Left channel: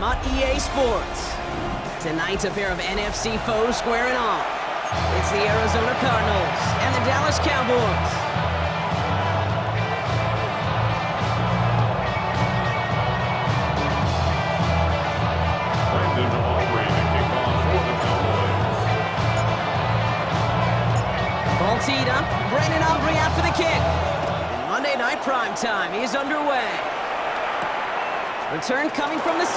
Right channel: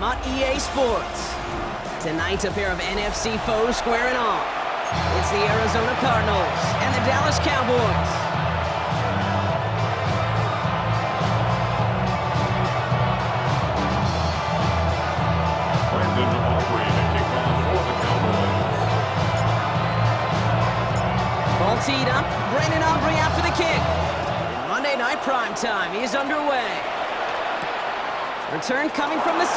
time on EA Sports. Tonight, a pair of NFC foes squaring off. It's the Arizona Cardinals and the Dallas Cowboys. Ball teed up, Brandon Aubrey out for the kick. And Monday Night Primetime is underway. Return coming from the 6.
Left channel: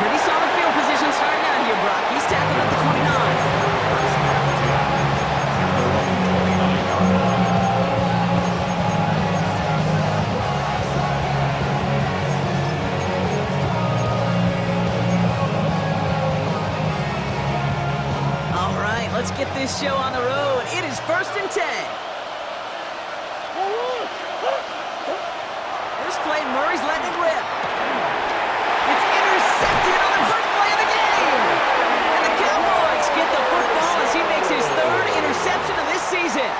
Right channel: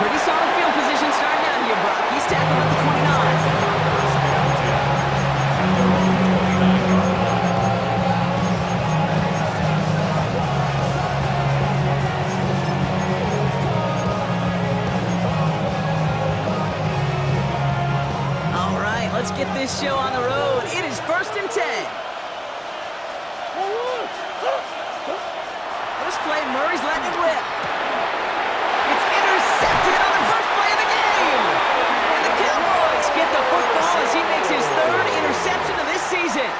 Pretty solid field position starting out here, Brock. He's tackled at the 29. First down 10 at their own 29-yard line. All right, let's get this show on the road. It is 1st and 10. First play, Murray's letting it rip. It's intercepted on the first play of the game. And the Cowboys get the football as he makes his 3rd interception of this season.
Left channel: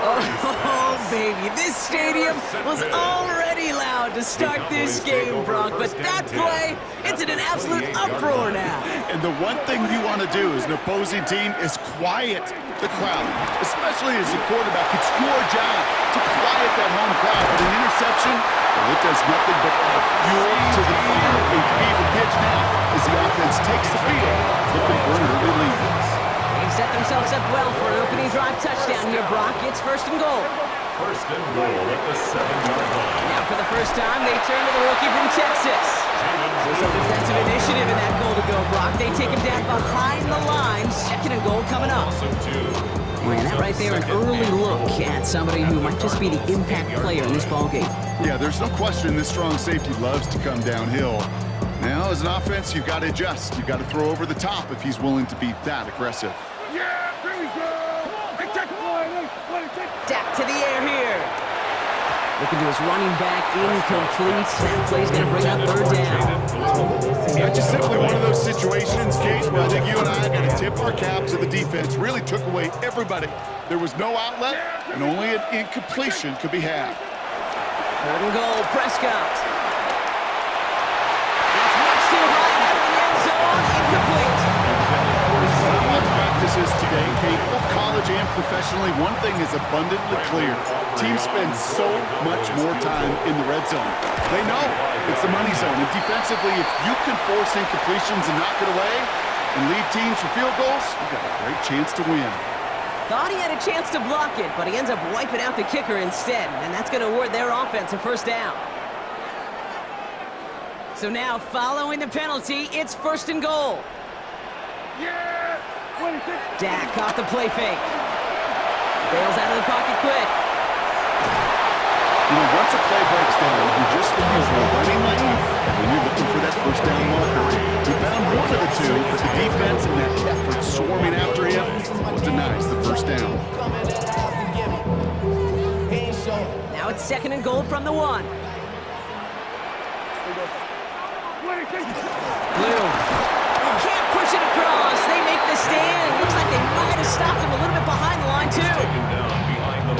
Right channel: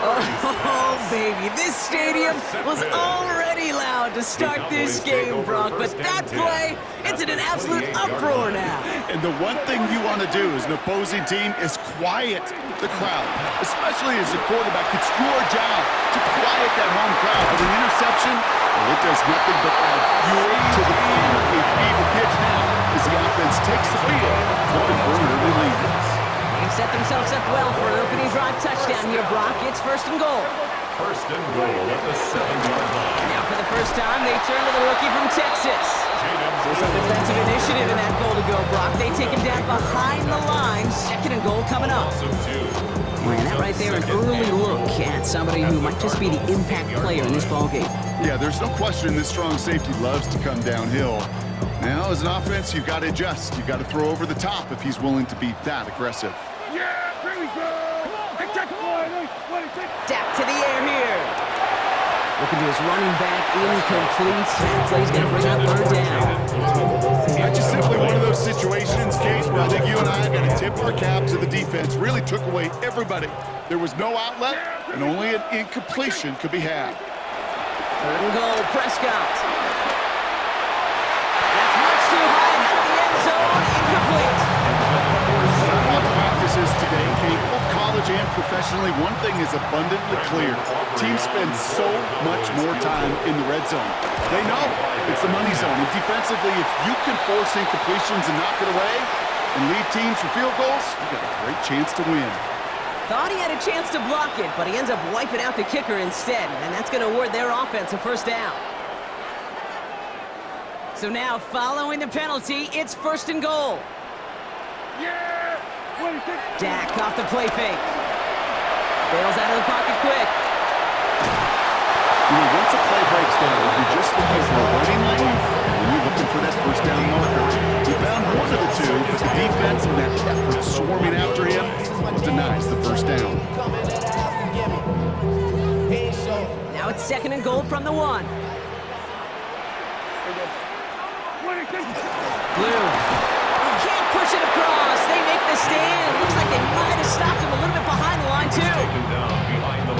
Oh, baby, this stadium was already loud to start this game, Brock, but that play, it's in an absolute uproar now. And the one thing you want to do as an opposing team is quiet the crowd, especially as a quarterback. It's your job to quiet that home crowd, but an interception, well, it does nothing but add fuel to the fire. A fever pitch now as the offense takes the field, looking for an early lead. They've set themselves up well for an opening drive touchdown here, Brock. It's 1st and goal. 1st and goal at the 7-yard line. Now for the first time, they turn to the rookie from Texas. So some defensive initiative in that goal to go, Brock. They take him down behind the line. 2nd and goal coming up. And that right there, an early look at somebody who might just be the impact player in this ballgame. Yeah, there's no question this strong safety loves to come downhill. Now, as an offense, you've got to adjust. You've got to throw over the top if he's willing to be that aggressive. Yeah, here we go! Dak to the air here. Looking to his running back, incomplete. That play's going to bring up 3rd down. That's just simply one of those situations, Kate, where I think you and I got to tip our cap to the defense. Really took away everybody. There was no outlet, and only an incompletion could be had. 3rd and goal, Prescott. That's much too high and out of the end zone. Incomplete. When I watched practices today, Kate, both college and professionally, one thing is abundantly clear. Teams spend so much more time in the red zone. They know it's the money zone. And defensively, if you can force incompletions and knock it away and lead teams for field goals, you got a great chance to win. Thought he had a chance to block it, but he ends up wiping out the kicker instead, and that's going to award their offense a 1st down. So now, following the penalty, it's 1st and goal. Yeah! Dak off the play fake. Bails out of the pocket quick. You know, once a play breaks down, you're just looking for a running lane, and when you're looking for that 1st down marker. He found one of the two, but the defense and that effort swarming after him denies the 1st down. Now it's 2nd and goal from the 1. Blue. Can't push it across. They make the stand. It looks like they might have stopped him a little bit behind the line, too.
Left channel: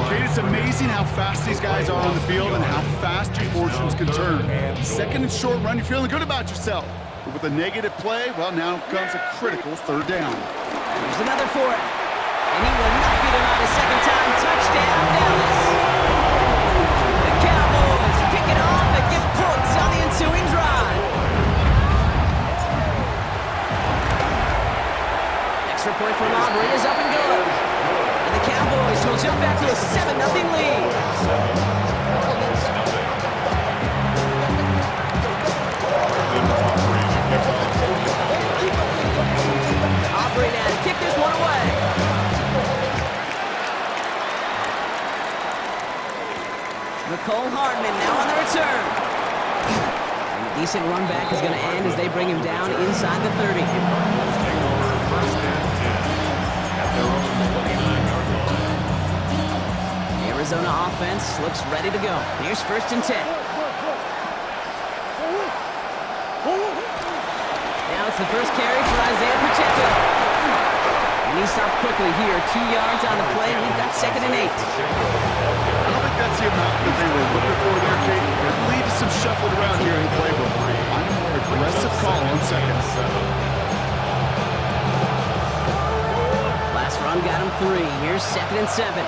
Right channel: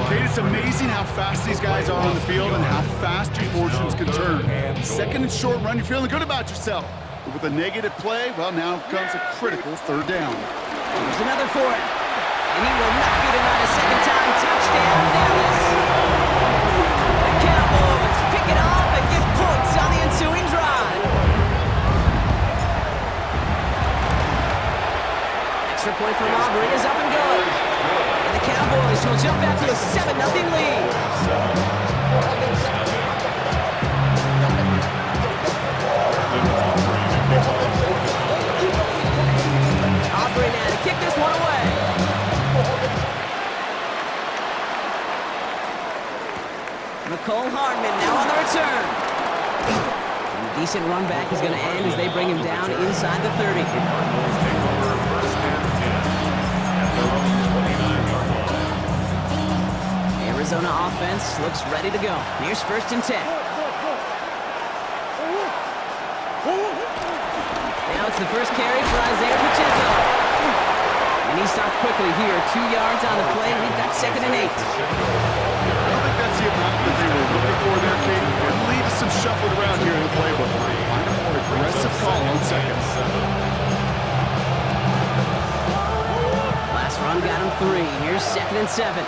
Kate, it's amazing how fast these guys are on the field and how fast your fortunes can turn. 2nd and short run, you're feeling good about yourself. But with a negative play, well, now comes a critical 3rd down. Here's another for it. And he will not be denied a 2nd time. Touchdown, Dallas. The Cowboys pick it off and get points on the ensuing drive. Extra point from Aubrey is up and good. And the Cowboys will jump back to a 7-0 lead. Aubrey now to kick this one away. Nicole Hardman now on the return. And a decent run back is going to end as they bring him down inside the 30. The Cardinals take over 1st and 10 at their own 29-yard line. The Arizona offense looks ready to go. Here's 1st and 10. Now it's the first carry for Isaiah Pacheco. And he stopped quickly here. 2 yards on the play. We've got 2nd and 8. I don't think that's the amount that they were looking for there, Kate. It lead to some shuffling around here in the playbook. Find a more aggressive call on second. Last run got him 3. Here's 2nd and 7.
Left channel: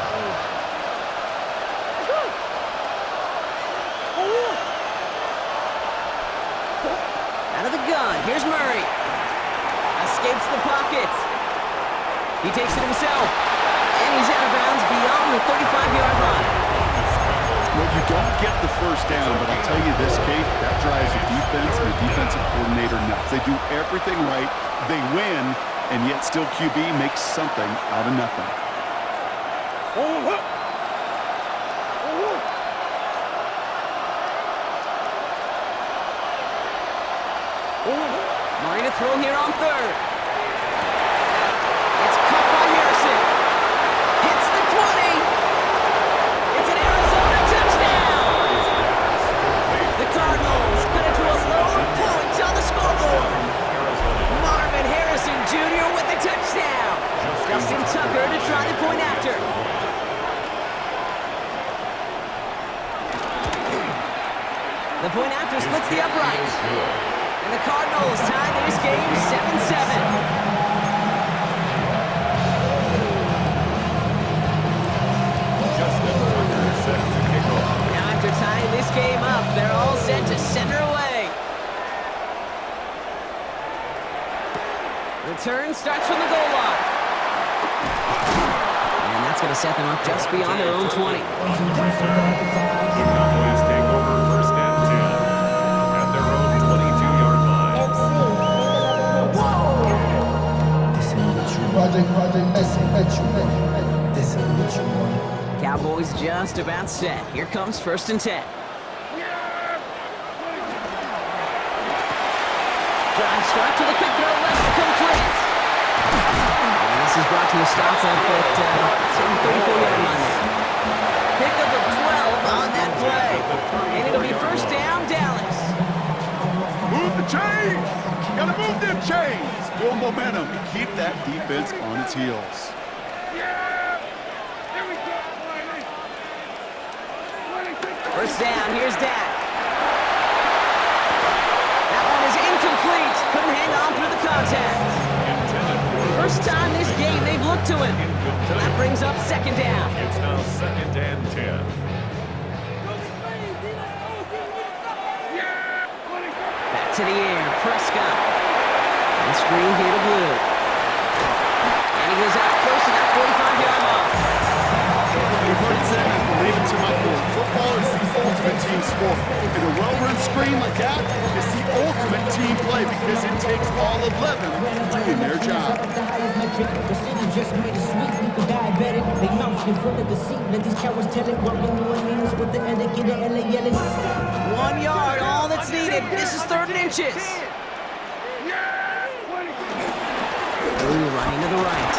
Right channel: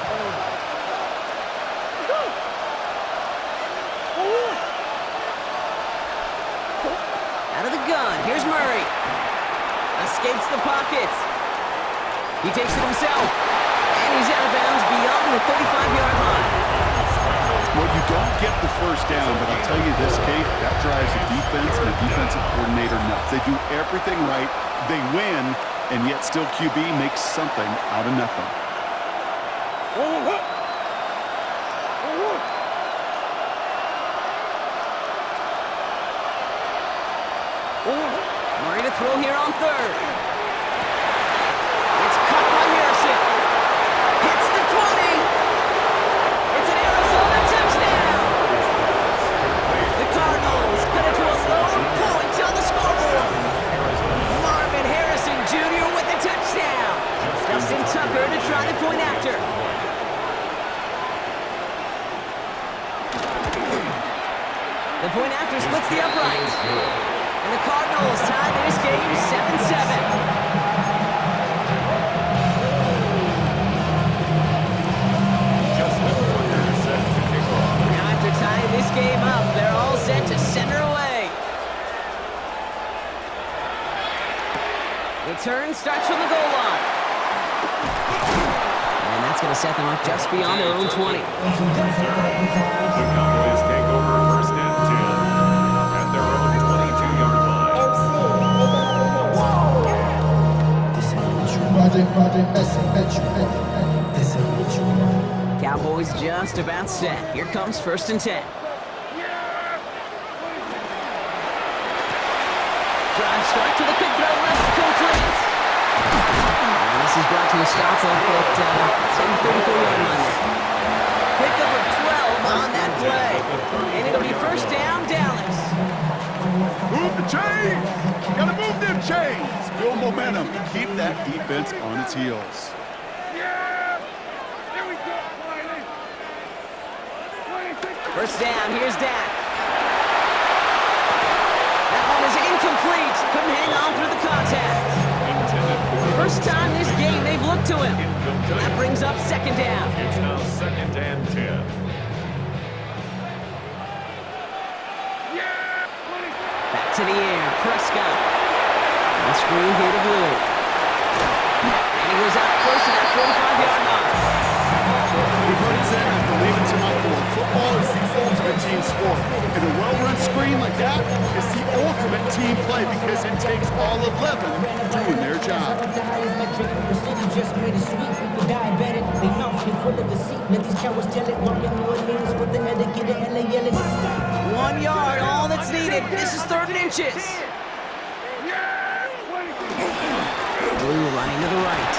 Out of the gun. Here's Murray. Escapes the pocket. He takes it himself. And he's out of bounds beyond the 35-yard line. Well, you don't get the first down, but I'll tell you this, Kate, that drives the defense and the defensive coordinator nuts. They do everything right. They win, and yet still QB makes something out of nothing. Murray to throw here on 3rd. It's cut by Harrison. Hits the 20. It's an Arizona touchdown. The Cardinals cut it to a lone point on the scoreboard. Marvin Harrison Jr. with the touchdown. Justin Tucker to try the point after. The point after splits the uprights. And the Cardinals tie this game 7-7. Now after tying this game up, they're all set to center away. The turn starts from the goal line. And that's going to set them up just beyond their own 20. The Cowboys take over 1st and 10 at their own 22-yard line. This ain't what you want. This ain't what you want. This ain't what you want. Cowboys just about set. Here comes 1st and 10. Drive start to the quick throw left, complete. And this is brought to a stop up at the 34-yard line there. Pickup of 12 on that play. And it'll be 1st down, Dallas. Move the chains! Gotta move them chains! Build momentum and keep that defense on its heels. Here we go, Wiley. 1st down, here's Dak. That one is incomplete. Couldn't hang on through the contact. First time this game they've looked to him. So that brings up 2nd down. It's now 2nd and 10. Back to the air, Prescott. On screen here to Blue. And he goes out close to that 45-yard line. We've heard it said, and I believe it to my core, football is the ultimate team sport. And a well-run screen like that is the ultimate team play because it takes all 11 doing their job. The highest metric, the city just made it sweet. People diabetic, they mouth get full of deceit. Let these cowards tell it. Walking New Orleans with the etiquette and LA yelling. 1 yard, all that's needed. This is 3rd and inches. Blue running to the right.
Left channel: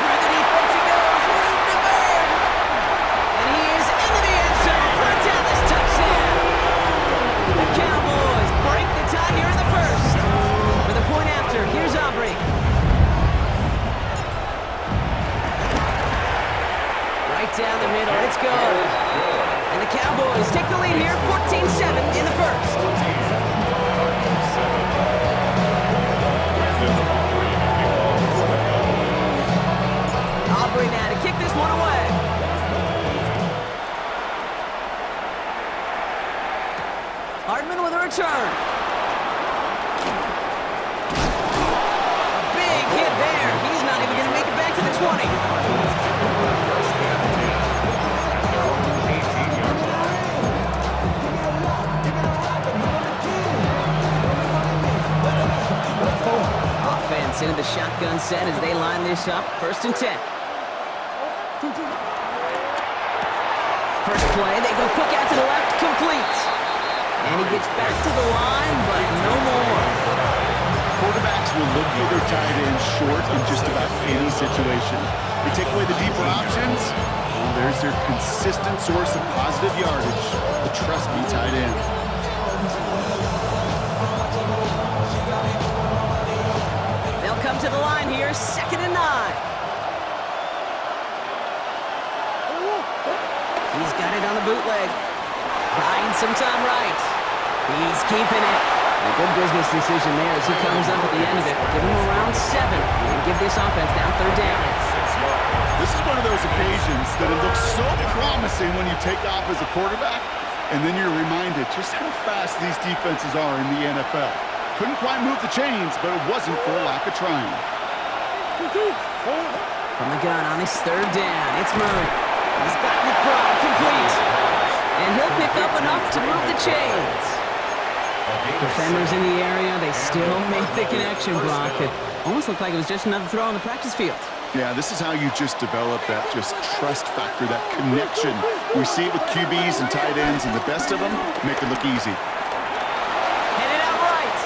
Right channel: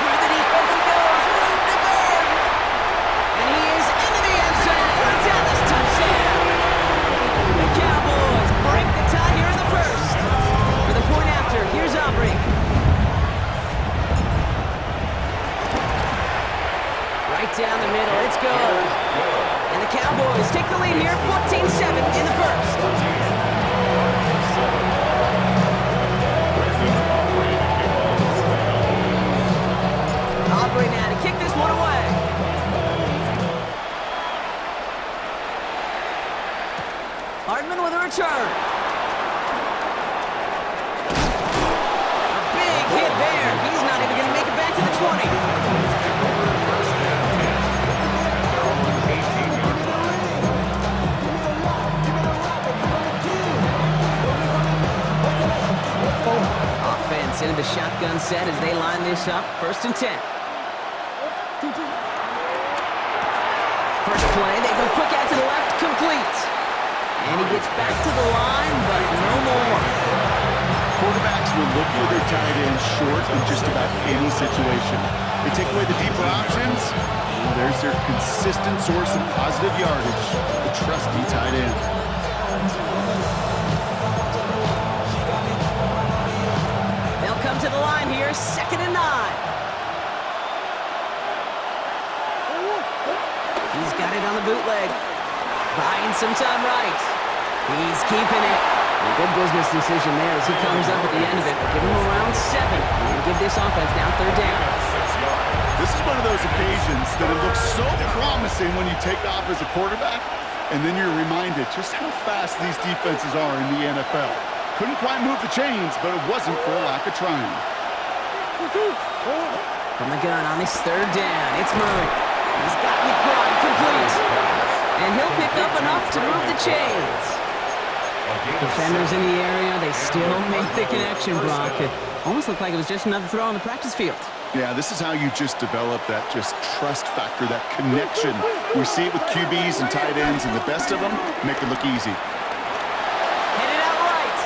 Through the defense he goes, room to burn. And he is into the end zone for a Dallas touchdown. The Cowboys break the tie here in the 1st. For the point after, here's Aubrey. Right down the middle, it's good. And the Cowboys take the lead here, 14-7 in the 1st. Aubrey now to kick this one away. Hardman with a return. A big hit there. He's not even going to make it back to the 20. Offense into the shotgun set as they line this up. 1st and 10. First play, they go quick out to the left, complete. And he gets back to the line, but no more. Quarterbacks will look for their tight end short in just about any situation. They take away the deeper options. Well, there's their consistent source of positive yardage, the trusty tight end. They'll come to the line here, 2nd and 9. He's got it on the bootleg. Buying some time right. He's keeping it. And a good business decision there as he comes up at the end of it. Give him around 7 and give this offense now 3rd down. This is one of those occasions that it looks so promising when you take off as a quarterback, and then you're reminded just how fast these defenses are in the NFL. Couldn't quite move the chains, but it wasn't for a lack of trying. From the gun on this 3rd down, it's Murray. He's got McBride complete. And he'll pick up enough to move the chains. Defenders in the area, they still make the connection, Brock. It almost looked like it was just another throw on the practice field. Yeah, this is how you just develop that just trust factor, that connection. We see it with QBs and tight ends, and the best of them make it look easy. Headed out right.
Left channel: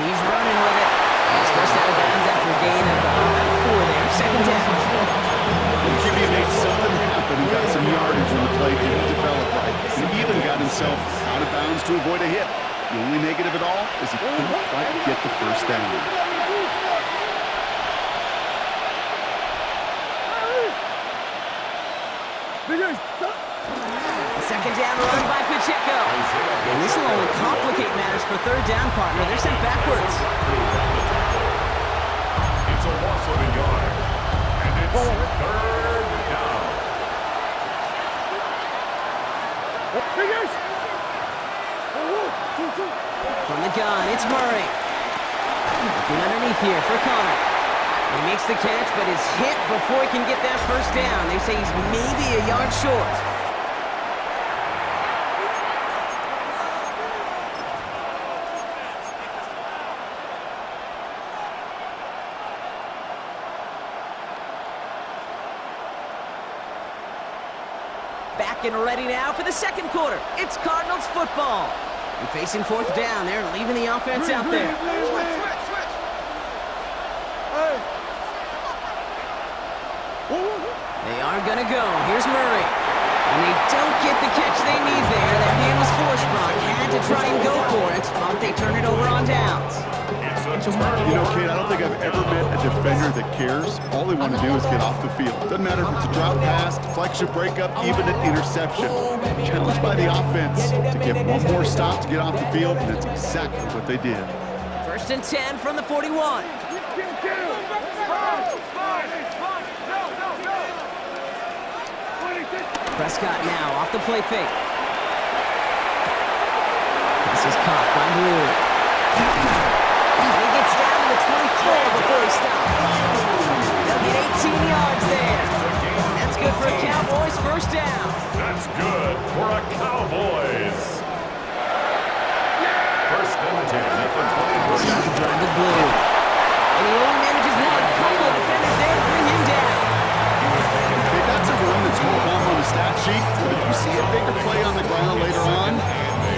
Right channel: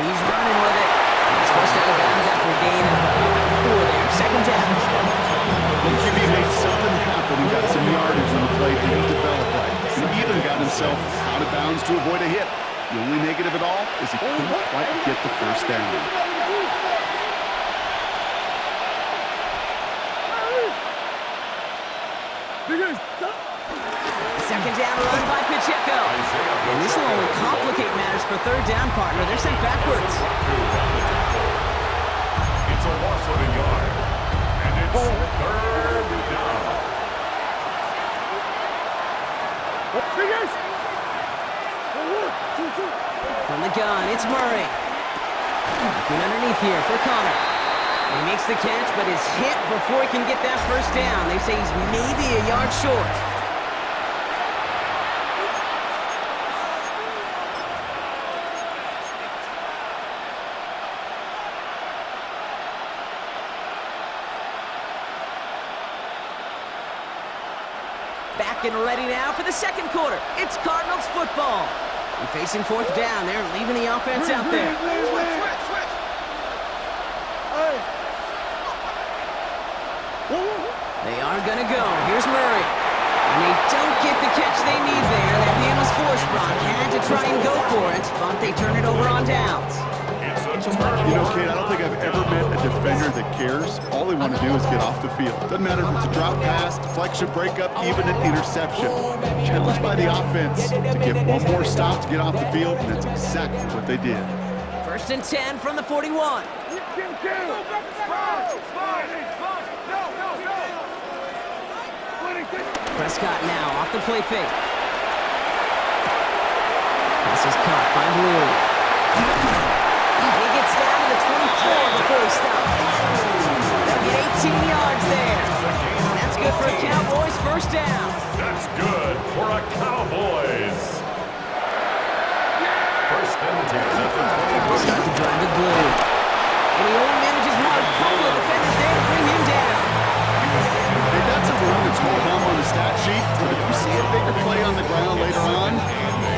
He's running with it. He's forced out of bounds after a gain of about 4 there. 2nd down. The QB made something happen and got some yardage when the play didn't develop right. He even got himself out of bounds to avoid a hit. The only negative at all is he couldn't quite get the 1st down. Second down run by Pacheco. And this will only complicate matters for 3rd down, partner. They're sent backwards. It's a loss of a yard. And it's 3rd down. From the gun, it's Murray. Looking underneath here for Connor. He makes the catch, but is hit before he can get that 1st down. They say he's maybe a yard short. Back and ready now for the 2nd quarter. It's Cardinals football. And facing 4th down, they're leaving the offense out there. Switch. They are going to go. Here's Murray. And they don't get the catch they need there. Their hand was forced, Brock. Had to try and go for it, but they turn it over on downs. You know, Kate, I don't think I've ever met a defender that cares. All they want to do is get off the field. Doesn't matter if it's a drop pass, deflection, breakup, even an interception. Challenged by the offense to get one more stop to get off the field, and that's exactly what they did. 1st and 10 from the 41. Prescott now off the play fake. Pass is caught by Blue. And he gets down to the 24 before he stops. They'll get 18 yards there. And that's good for a Cowboys 1st down. That's good for a Cowboys. 1st and 10 at the 23. Start the drive with Blue. And he only manages one. Couple of defenders there to bring him down. Hey, that's a run that's ho-hum on the stat sheet, but if you see a bigger play on the ground later on,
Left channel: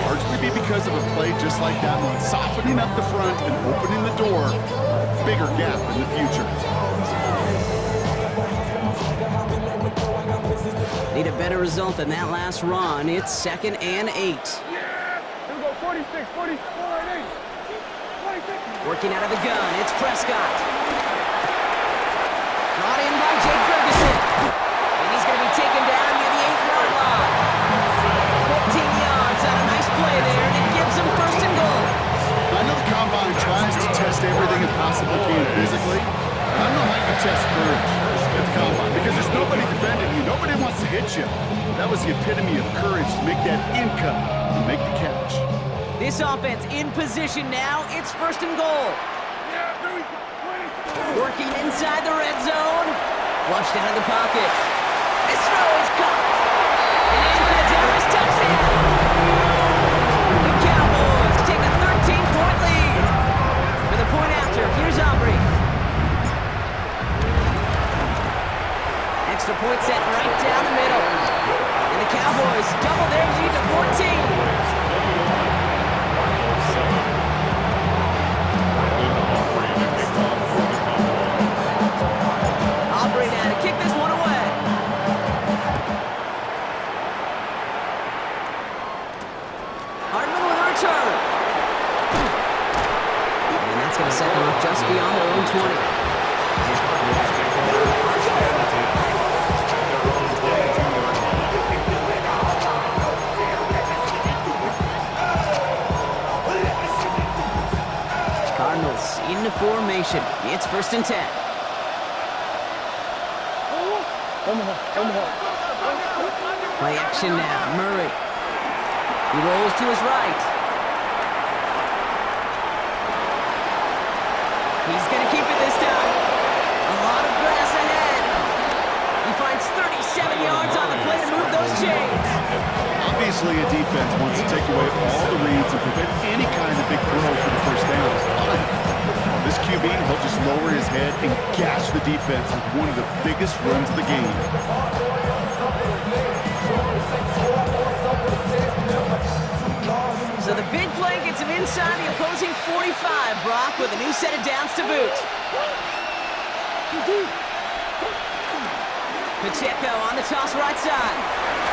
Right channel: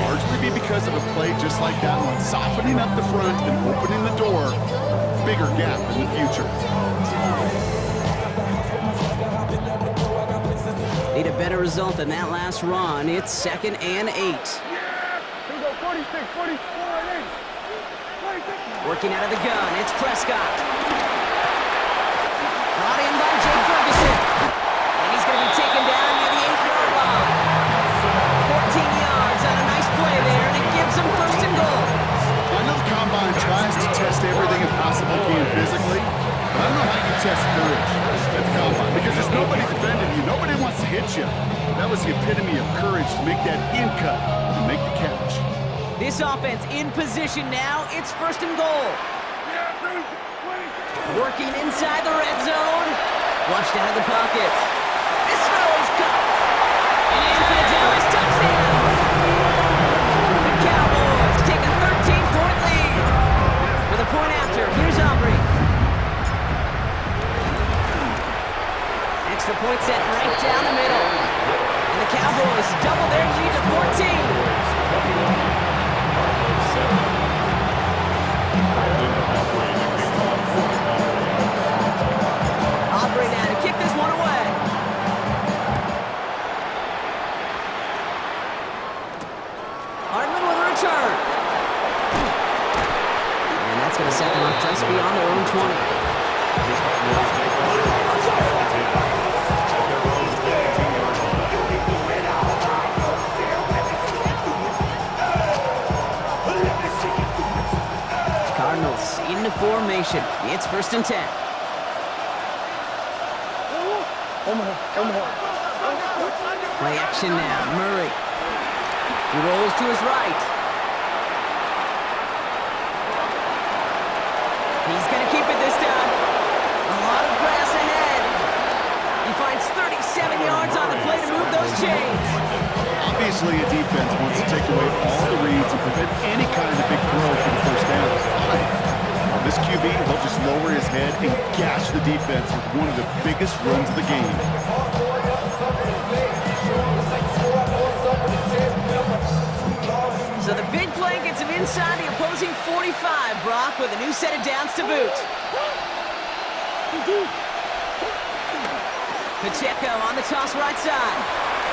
largely be because of a play just like that one, softening up the front and opening the door for a bigger gap in the future. Need a better result than that last run. It's 2nd and 8. Yeah! Here we go, 46, 44, and 8. 46. Working out of the gun, it's Prescott. Brought in by Jake Ferguson. And he's going to be taken down near the 8-yard line. 14 yards on a nice play there, and it gives him 1st and goal. I know the Combine tries to test everything it possibly can physically, but I don't know how you test courage at the Combine, because there's nobody defending you. Nobody wants to hit you. That was the epitome of courage to make that in cut and make the catch. This offense in position now. It's 1st and goal. Yeah, 20. Working inside the red zone. Flushed out of the pocket. This throw is caught. And in for the Dallas touchdown. The Cowboys take a 13-point lead. For the point after, here's Aubrey. Extra point set right down the middle. And the Cowboys double their lead to 14. Aubrey now to kick this one away. Hardman with a return. And that's going to set them up just beyond their own 20. The Cardinals take over 1st and 10 at their own into formation. It's 1st and 10. Play action now. Murray. He rolls to his right. He's going to keep it this time. A lot of grass ahead. He finds 37 yards on the play to move those chains. Obviously, a defense wants to take away all the reads and prevent any kind of big throw for the 1st down. Fine. Well, this QB, he'll just lower his head and gash the defense with one of the biggest runs of the game. So the big play gets him inside the opposing 45, Brock, with a new set of downs to boot. Pacheco on the toss right side.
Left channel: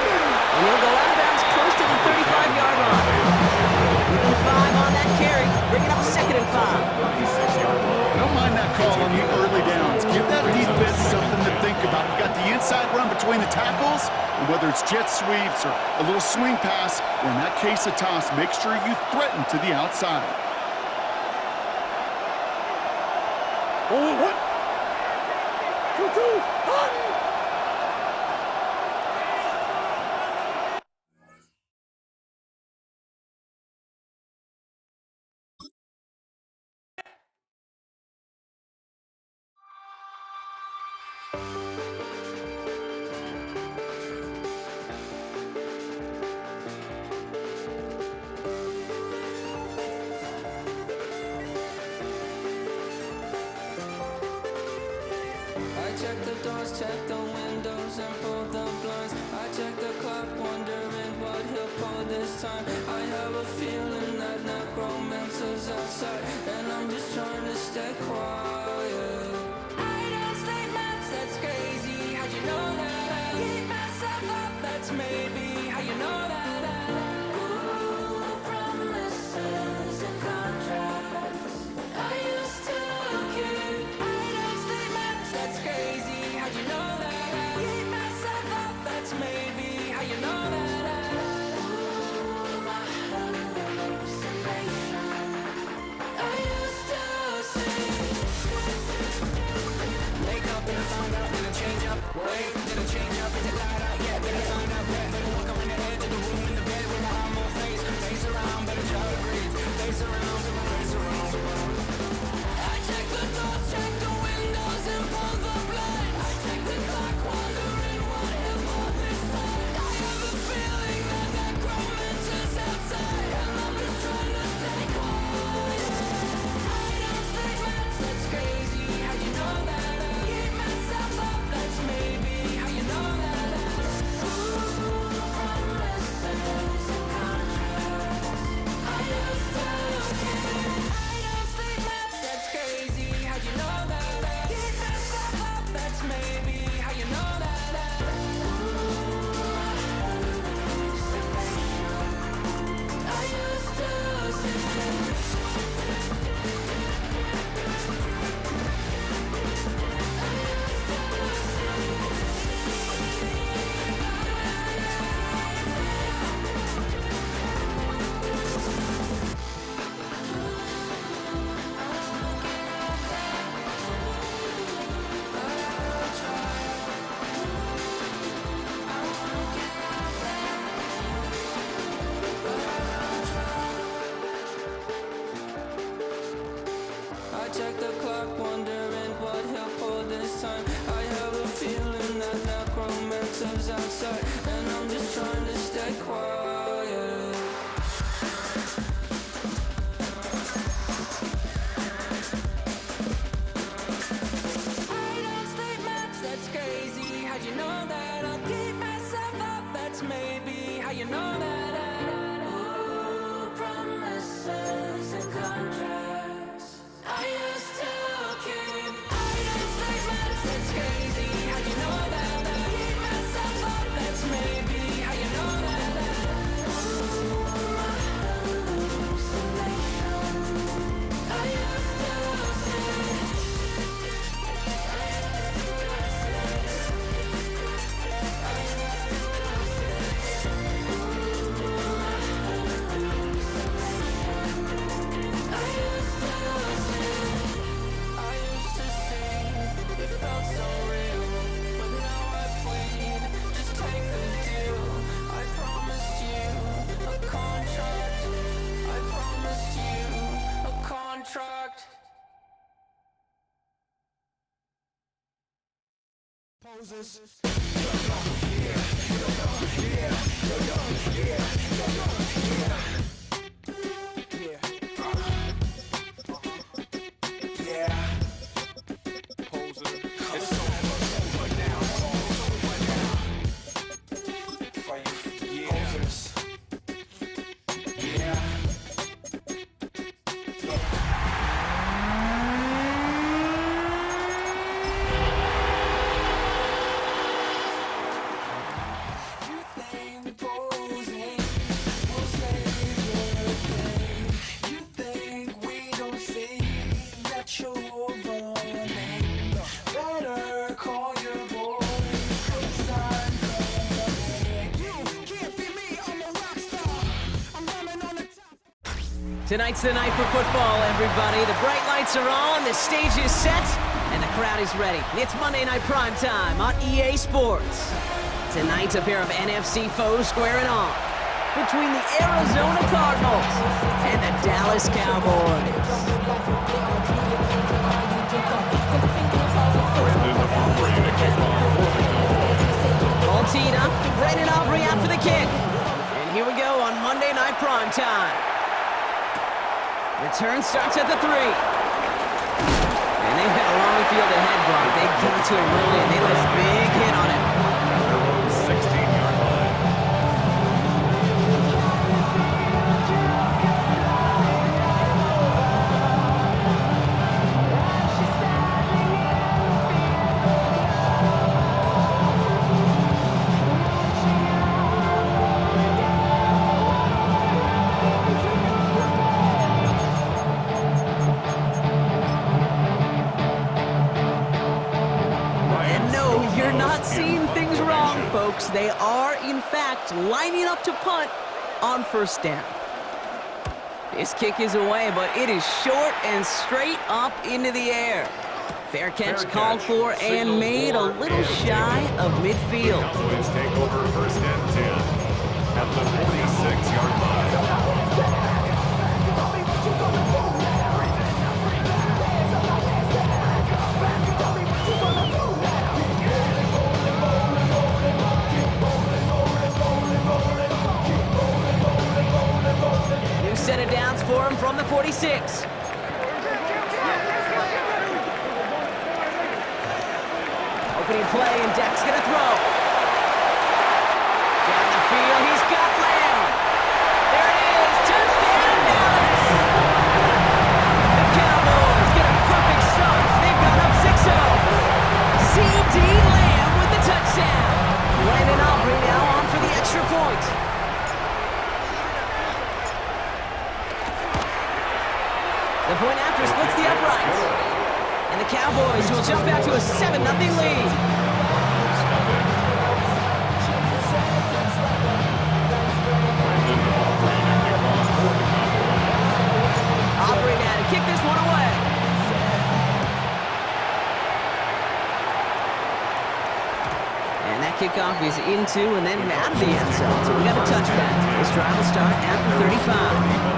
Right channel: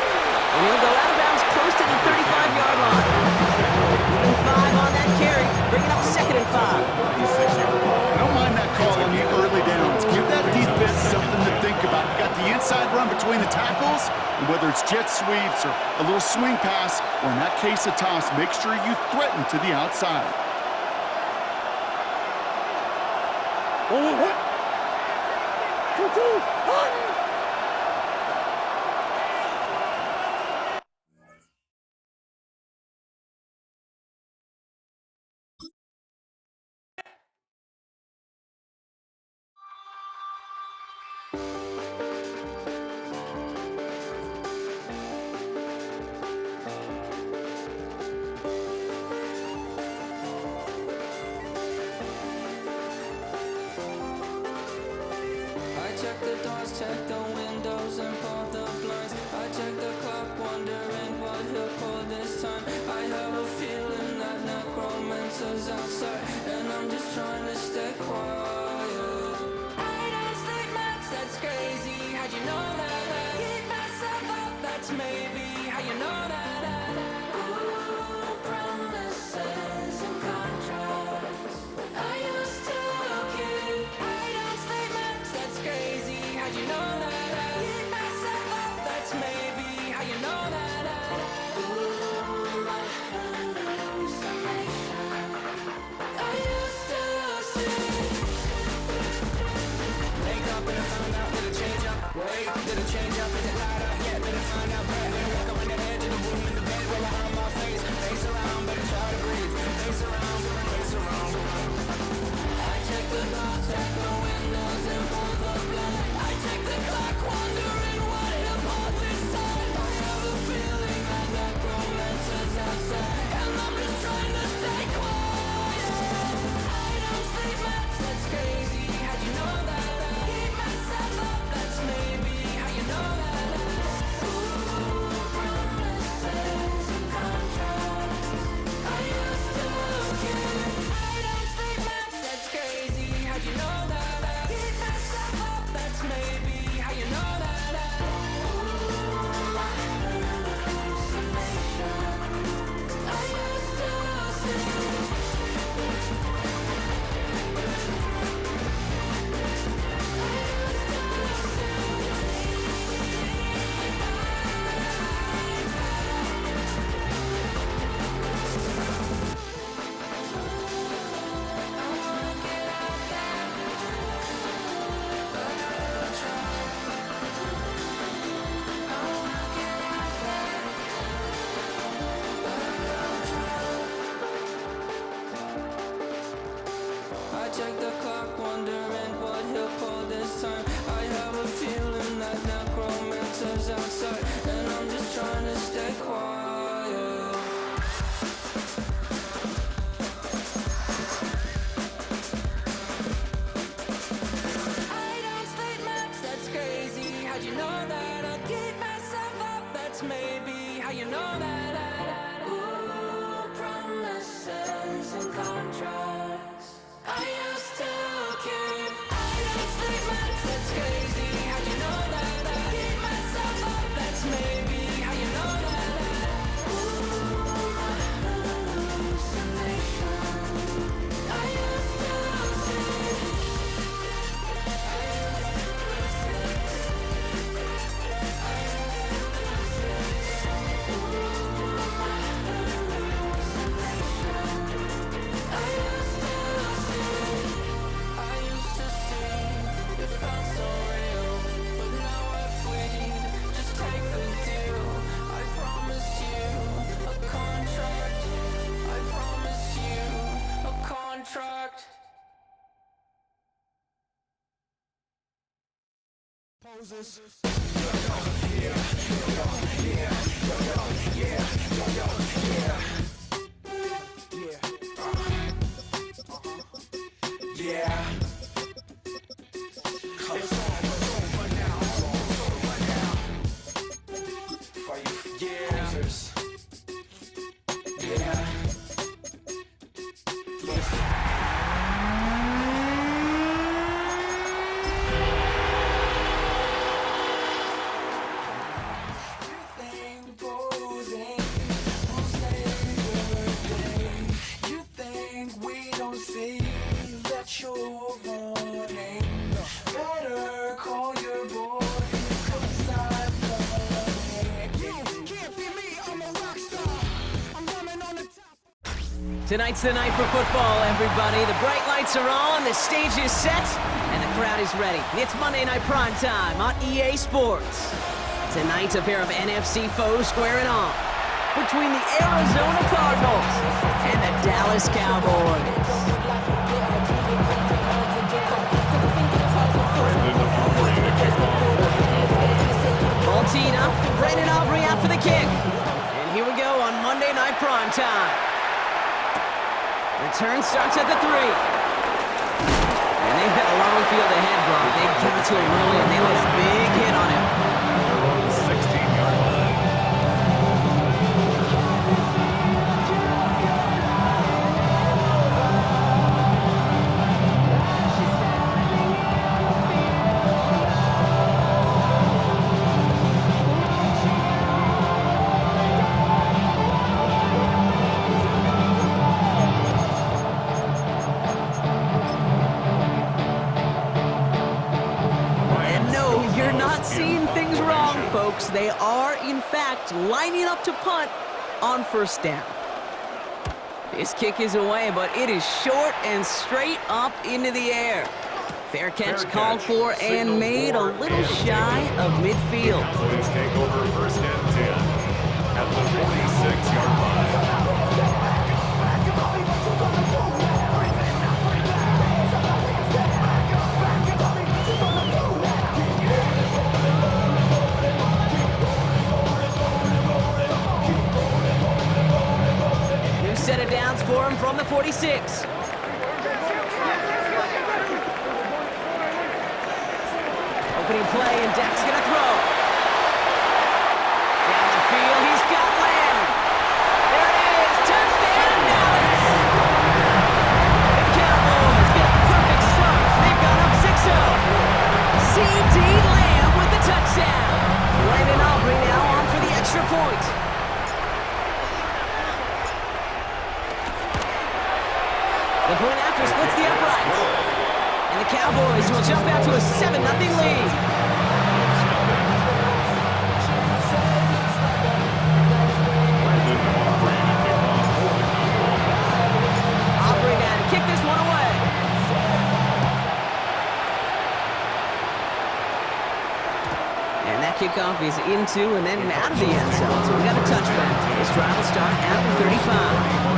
And he'll go out of bounds close to the 35-yard line. Even 5 on that carry, bringing up 2nd and 5. I don't mind that call on the early downs. Give that defense something to think about. You got the inside run between the tackles, and whether it's jet sweeps or a little swing pass, or in that case a toss, make sure you threaten to the outside. What? 2-2, hot! I check the doors, check the windows, and pull the blinds. I check the clock, wondering what he'll pull this time. I have a feeling that necromancer's outside, and I'm just trying to stay quiet. I don't sleep much, that's crazy. How'd you know that? I keep myself up, that's maybe how you know that. Ooh, promises and contracts I used to keep. I don't sleep much, that's crazy. How'd you know that? I keep myself up, that's maybe how you know that. Ooh, my hallucination I used to see. Wake up and I found out, did it change up? Wait, did it change up? Is it light out yet? Did it find out better? Better walk around the edge of the room in the bed where I have my face. Face around, better try to breathe. Face around, face around. I check the doors, check the windows, and pull the blind. I check the clock, wondering what he'll pull this time. I have a feeling that necromancer's outside, and I'm just trying to stay quiet. I don't sleep much, that's crazy. How'd you know that? I keep myself up, that's maybe how you know that. Ooh, promises and contracts I used to keep. I don't sleep much, that's crazy. How'd you know that? I keep myself up, that's maybe how you know that. Ooh, my hallucination I used to see. I check the clock, wondering what he'll pull this time. I have a feeling that necromancer's outside, and I'm just trying to stay quiet. I don't sleep much, that's crazy. How'd you know that? I'll keep myself up, that's maybe how you know that. Ooh, promises and contracts I used to keep. I don't sleep much, that's crazy. How'd you know that? I keep myself up, that's maybe how you know that. Ooh, my hallucination I used to see. Ooh, my hallucination I used to see. Tonight's the night for football, everybody. The bright lights are on, the stage is set, and the crowd is ready. It's Monday Night Prime Time on EA Sports. Tonight, a pair of NFC foes squaring off between the Arizona Cardinals and the Dallas Cowboys. All teed up, Brandon Aubrey out for the kick. And here we go on Monday Night Prime Time. Return starts at the 3. And they've got a long field ahead, Brock. They got to him early, and they let a big hit on him. At their own 16-yard line. You're not seeing things wrong, folks. They are, in fact, lining up to punt on first down. This kick is away, but it is short and straight up into the air. Fair catch called for and made a little shy of midfield. Cowboys take over first and 10 at the 46-yard line. Set of downs for him from the 46. Opening play, and Dak's gonna throw. Down the field, he's got Lamb. There it is, touchdown Dallas! The Cowboys get a perfect start. They've gone up 6-0. C.D. Lamb with the touchdown. Brandon Aubrey now on for the extra point. The point after splits the uprights. And the Cowboys will jump out to a 7-0 lead. Aubrey now to kick this one away. And that kickoff is into and then out of the end zone. So we got a touchback. This drive will start after 35.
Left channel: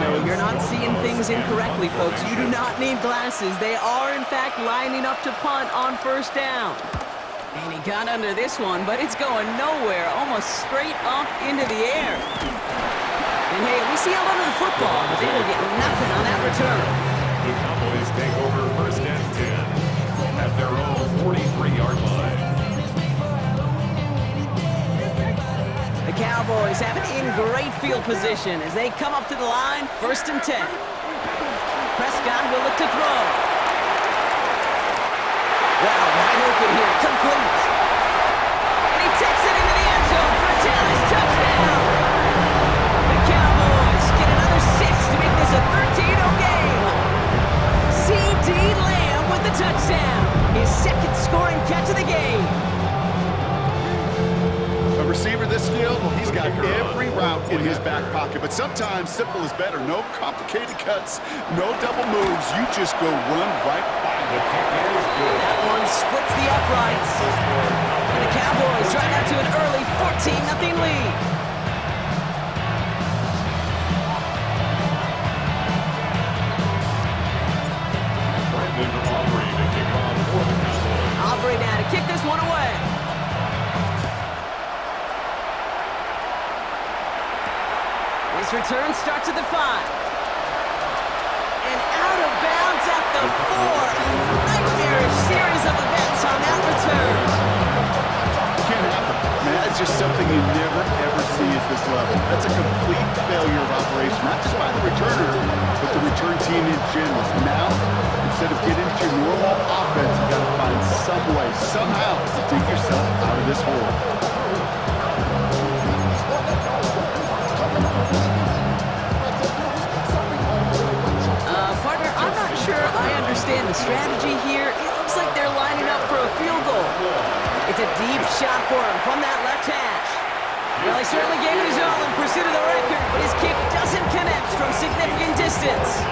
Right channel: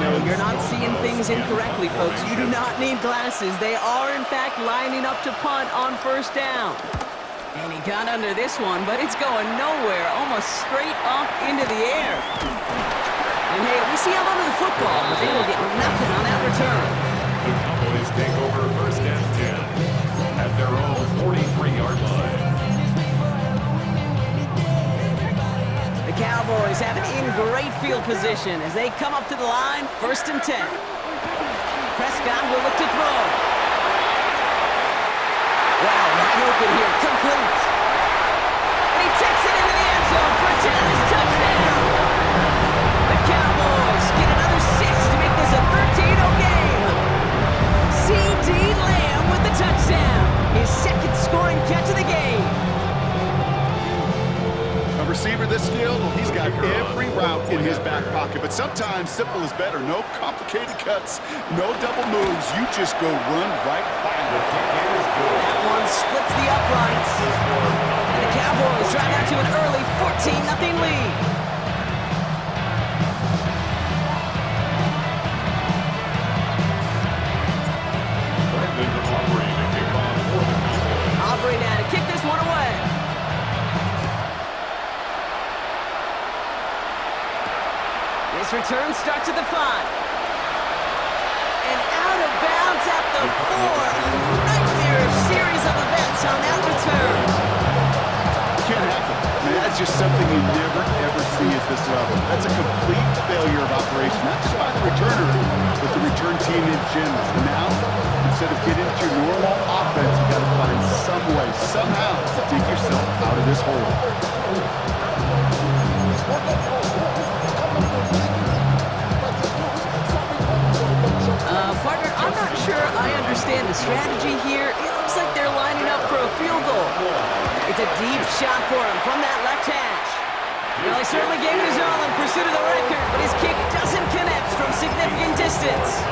No, you're not seeing things incorrectly, folks. You do not need glasses. They are, in fact, lining up to punt on first down. And he got under this one, but it's going nowhere, almost straight up into the air. And hey, we see held onto the football, but they will get nothing on that return. The Cowboys take over first and 10 at their own 43-yard line. The Cowboys have it in great field position as they come up to the line, first and 10. Prescott will look to throw. Wow, wide open here, complete. And he takes it into the end zone for a Dallas touchdown. The Cowboys get another 6 to make this a 13-0 game. C.D. Lamb with the touchdown. His second scoring catch of the game. A receiver this skilled, well, he's got every route in his back pocket, but sometimes simple is better. No complicated cuts, no double moves. You just go run right by him. The kick is good. That one splits the uprights. And the Cowboys drive out to an early 14-0 lead. Brandon Aubrey to kick off for the Cowboys. Aubrey now to kick this one away. This return starts at the 5. And out of bounds at the 4. A nightmarish series of events on that return. Can't happen. Man, that's just something you never, ever see at this level. That's a complete failure of operation, not just by the returner, but the return team in general. And now, instead of getting into your normal offense, you got to find some way, somehow, to dig yourself out of this hole. Partner, I'm not sure I understand the strategy here. It looks like they're lining up for a field goal. It's a deep shot for him from that left hash. Well, he certainly gave it his all in pursuit of the record, but his kick doesn't connect from significant distance.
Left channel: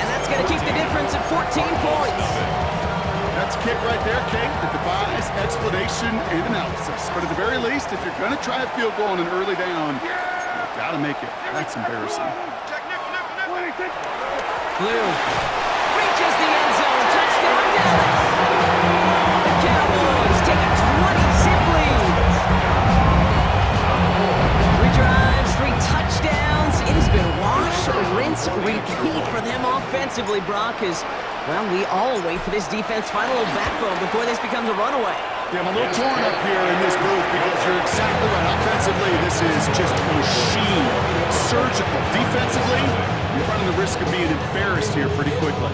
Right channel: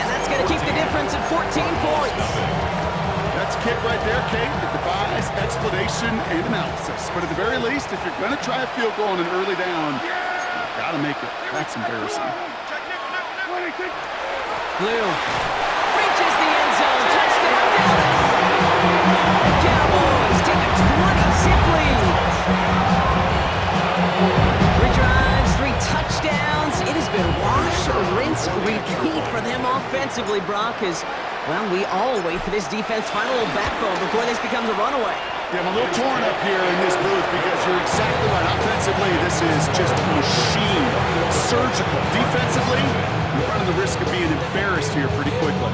And that's going to keep the difference at 14 points. That's a kick right there, Kate, that defies explanation and analysis. But at the very least, if you're going to try a field goal on an early down, you've got to make it. That's embarrassing. Blue reaches the end zone. Touchdown, Dallas. The Cowboys take a 20-zip lead. 3 drives, 3 touchdowns. It has been wash, rinse, repeat for them offensively, Brock, as, well, we all wait for this defense to find a little backbone before this becomes a runaway. Yeah, I'm a little torn up here in this booth because you're exactly right. Offensively, this is just machine, surgical. Defensively, you're running the risk of being embarrassed here pretty quickly.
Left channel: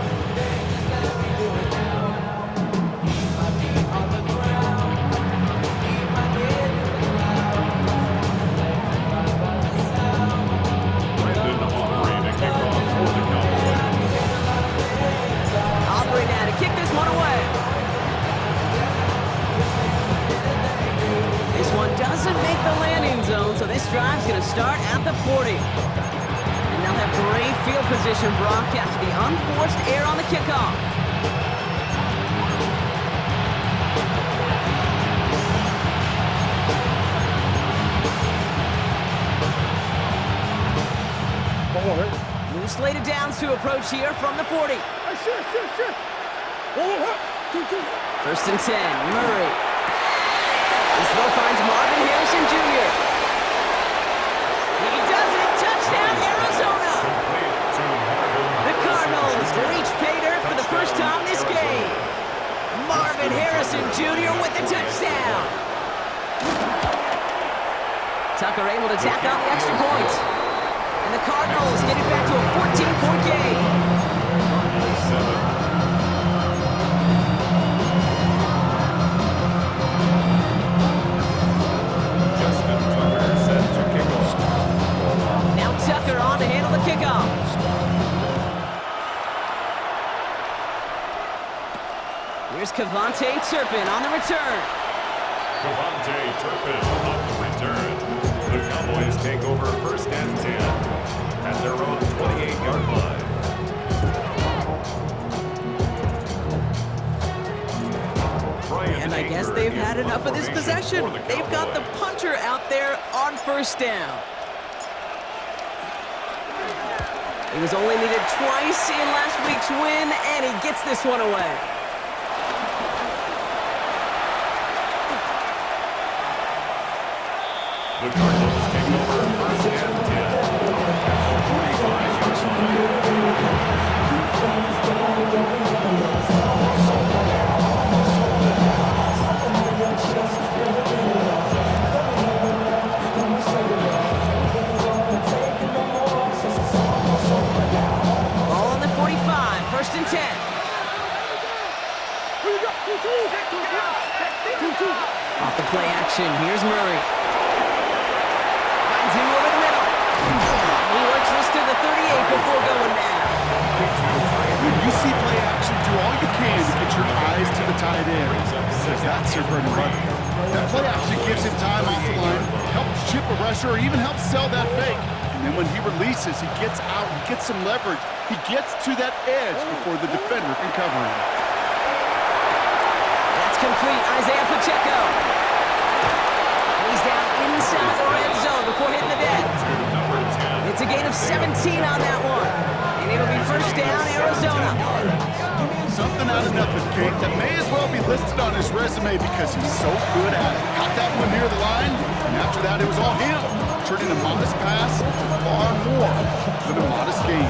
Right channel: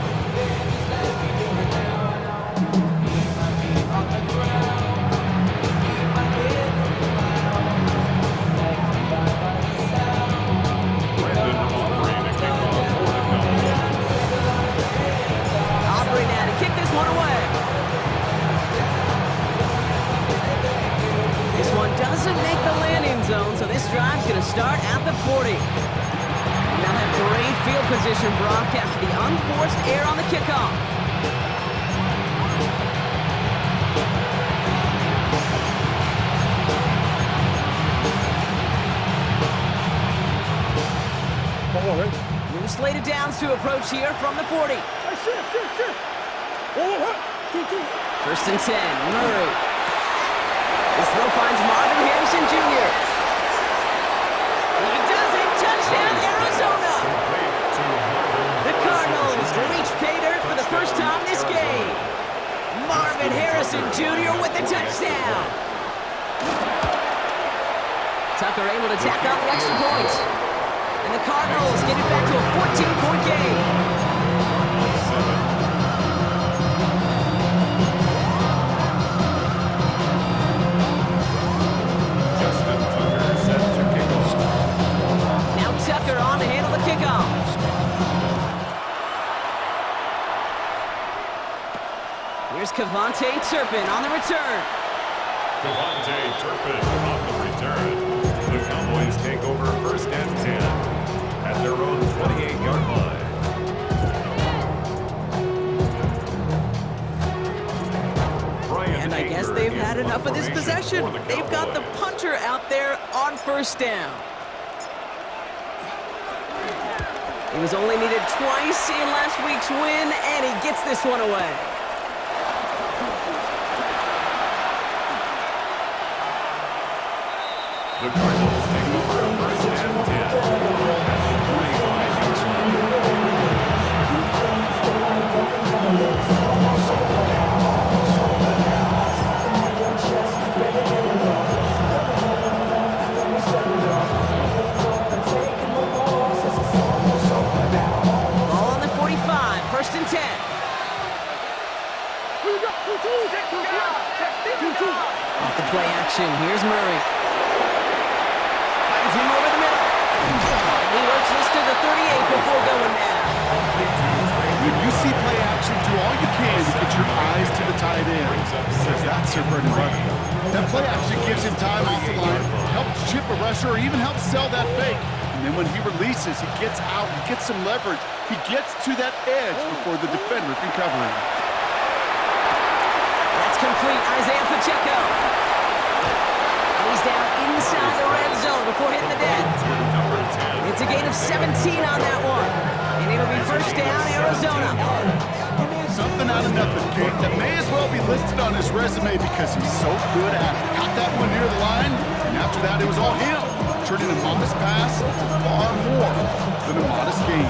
Brandon Aubrey to kick off for the Cowboys. Aubrey now to kick this one away. This one doesn't make the landing zone, so this drive's going to start at the 40. And they'll have great field position, Brock, after the unforced error on the kickoff. New slated downs to approach here from the 40. First and 10, Murray. This throw finds Marvin Harrison Jr. He does it! Touchdown, Arizona! The Cardinals reach pay dirt for the first time this game. Marvin Harrison Jr. with the touchdown. Tucker able to tack on the extra point. And the Cardinals get it back to a 14-point game. 7. Tucker on to handle the kickoff. Here's Kevontae Turpin on the return. Kevontae Turpin on the return. The Cowboys take over first and 10 at their own 28-yard line. And I guess they've had enough of this possession. They've got the punter out there on first down. He was only needed twice in last week's win, and he gets this one away. The Cardinals take over first and 10 at the 45-yard Ball on the 45, first and 10. Off the play action, here's Murray. Finds him over the middle. And he works this to the 38 before going down. When you see play action, do all you can to get your eyes to the tight end, because that's your bread and butter. That play action gives him time off the line, helps chip a rusher, or even helps sell that fake. And then when he releases, he gets out, he gets some leverage. He gets to that edge before the defender can cover him. That's complete, Isaiah Pacheco. And he's down inside the red zone before hitting the deck. It's a gain of 17 on that one. And it'll be first down, Arizona. Something out out of nothing, Kate. That may as well be listed on his resume because he's so good at it. Caught that one near the line, and after that, it was all him, turning a modest pass to far more than a modest gain.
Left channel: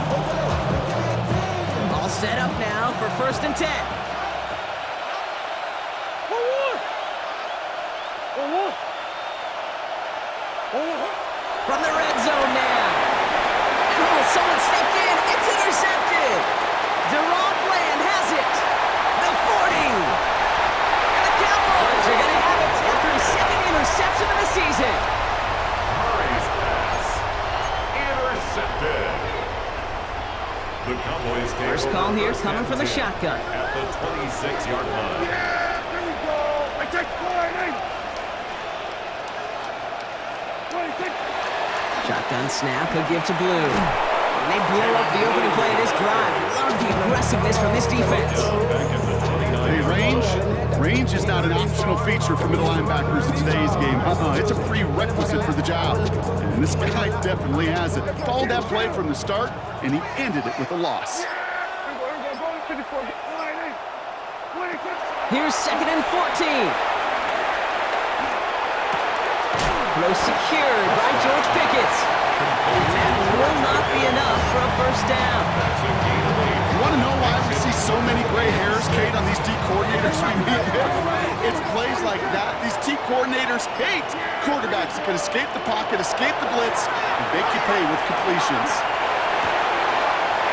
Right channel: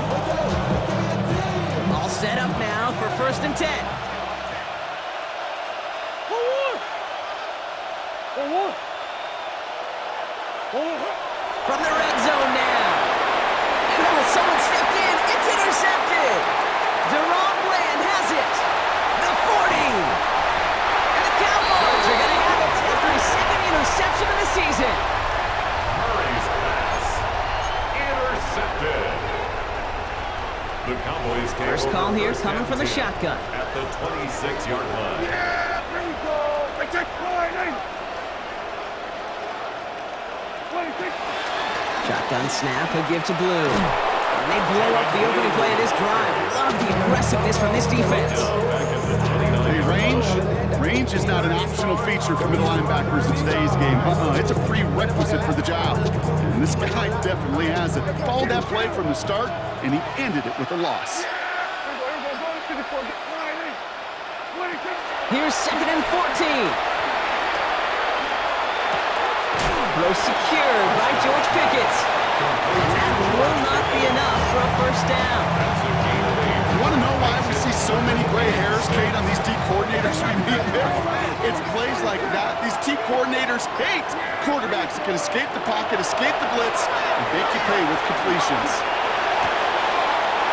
All set up now for 1st and 10. From the red zone now. And someone stepped in. It's intercepted. Deron Bland has it. The 40. And the Cowboys are going to have it after his 2nd interception of the season. Murray's pass. Intercepted. The Cowboys take First call over here first coming and from the 10 shotgun. at the 26-yard line. Yeah, there we go. I take 26. Shotgun snap, a give to Blue. And they blow up the opening play of this drive. Love the aggressiveness from this defense. Back at the 29. Hey, range is not an optional feature for middle linebackers in today's game. It's a prerequisite for the job. And this guy definitely has it. Followed that play from the start, and he ended it with a loss. Here's 2nd and 14. Throw secured by George Pickett. And that will not be enough for a 1st down. That's a gain of 8. You want to know why we see so many gray hairs, Kate, on these D coordinators we meet with? It's plays like that. These D coordinators hate quarterbacks that can escape the pocket, escape the blitz, and make you pay with completions.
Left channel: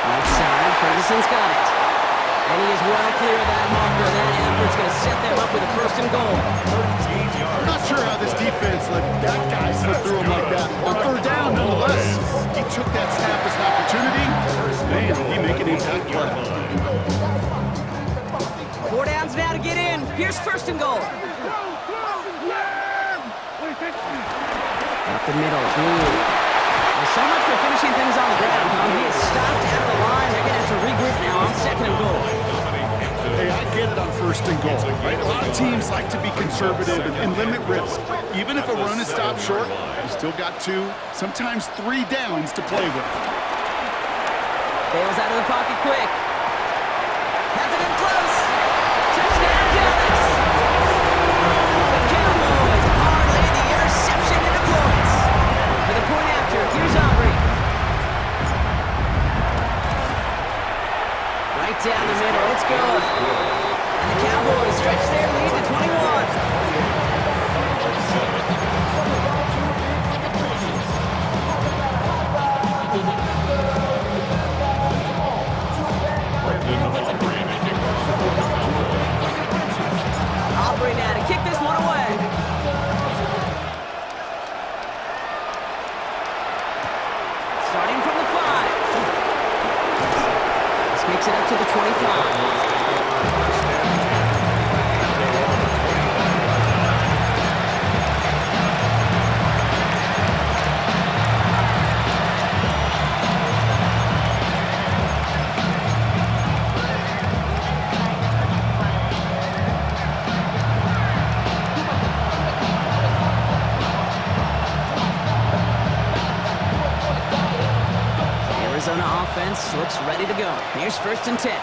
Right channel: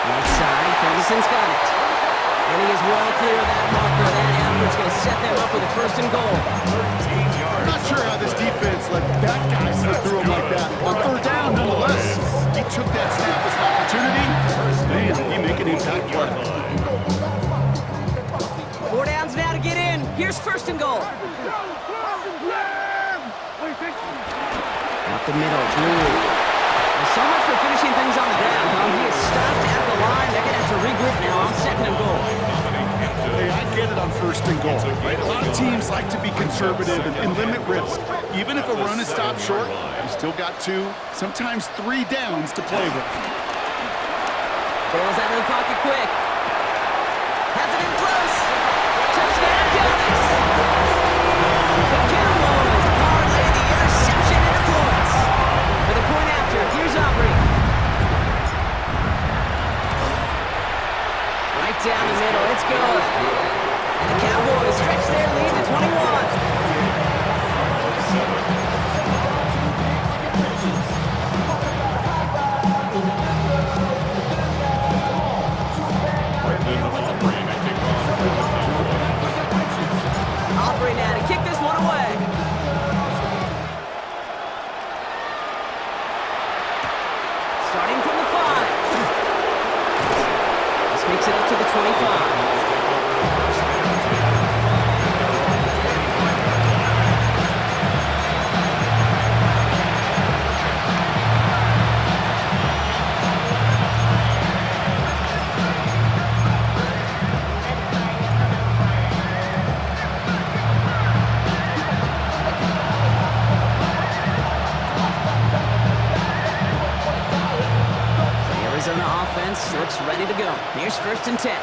Right side, Ferguson's got it. And he is well clear of that marker. That effort's going to set them up with a 1st and goal. 13 yards. I'm not sure how this defense let that guy slip through him like that. On 3rd down, nonetheless. He took that snap as an opportunity. Man, he make an impact play. 4 downs now to get in. Here's 1st and goal. Up the middle, Blue. Well, so much for finishing things on the ground, huh? He is stopped at the line. They're going to have to regroup now on 2nd and goal. Hey, I get it on 1st and goal, right? A lot of teams like to be conservative and limit risk. Even if a run is stopped short, you still got 2, sometimes 3 downs to play with. Bails out of the pocket quick. Has it in close. Touchdown, Dallas. The Cowboys parlay the interception into points. For the point after, here's Aubrey. Right down the middle, it's good. And the Cowboys stretch their lead to 21. Aubrey now to kick this one away. Starting from the 5. This makes it up to the 25. Arizona offense looks ready to go. Here's 1st and 10.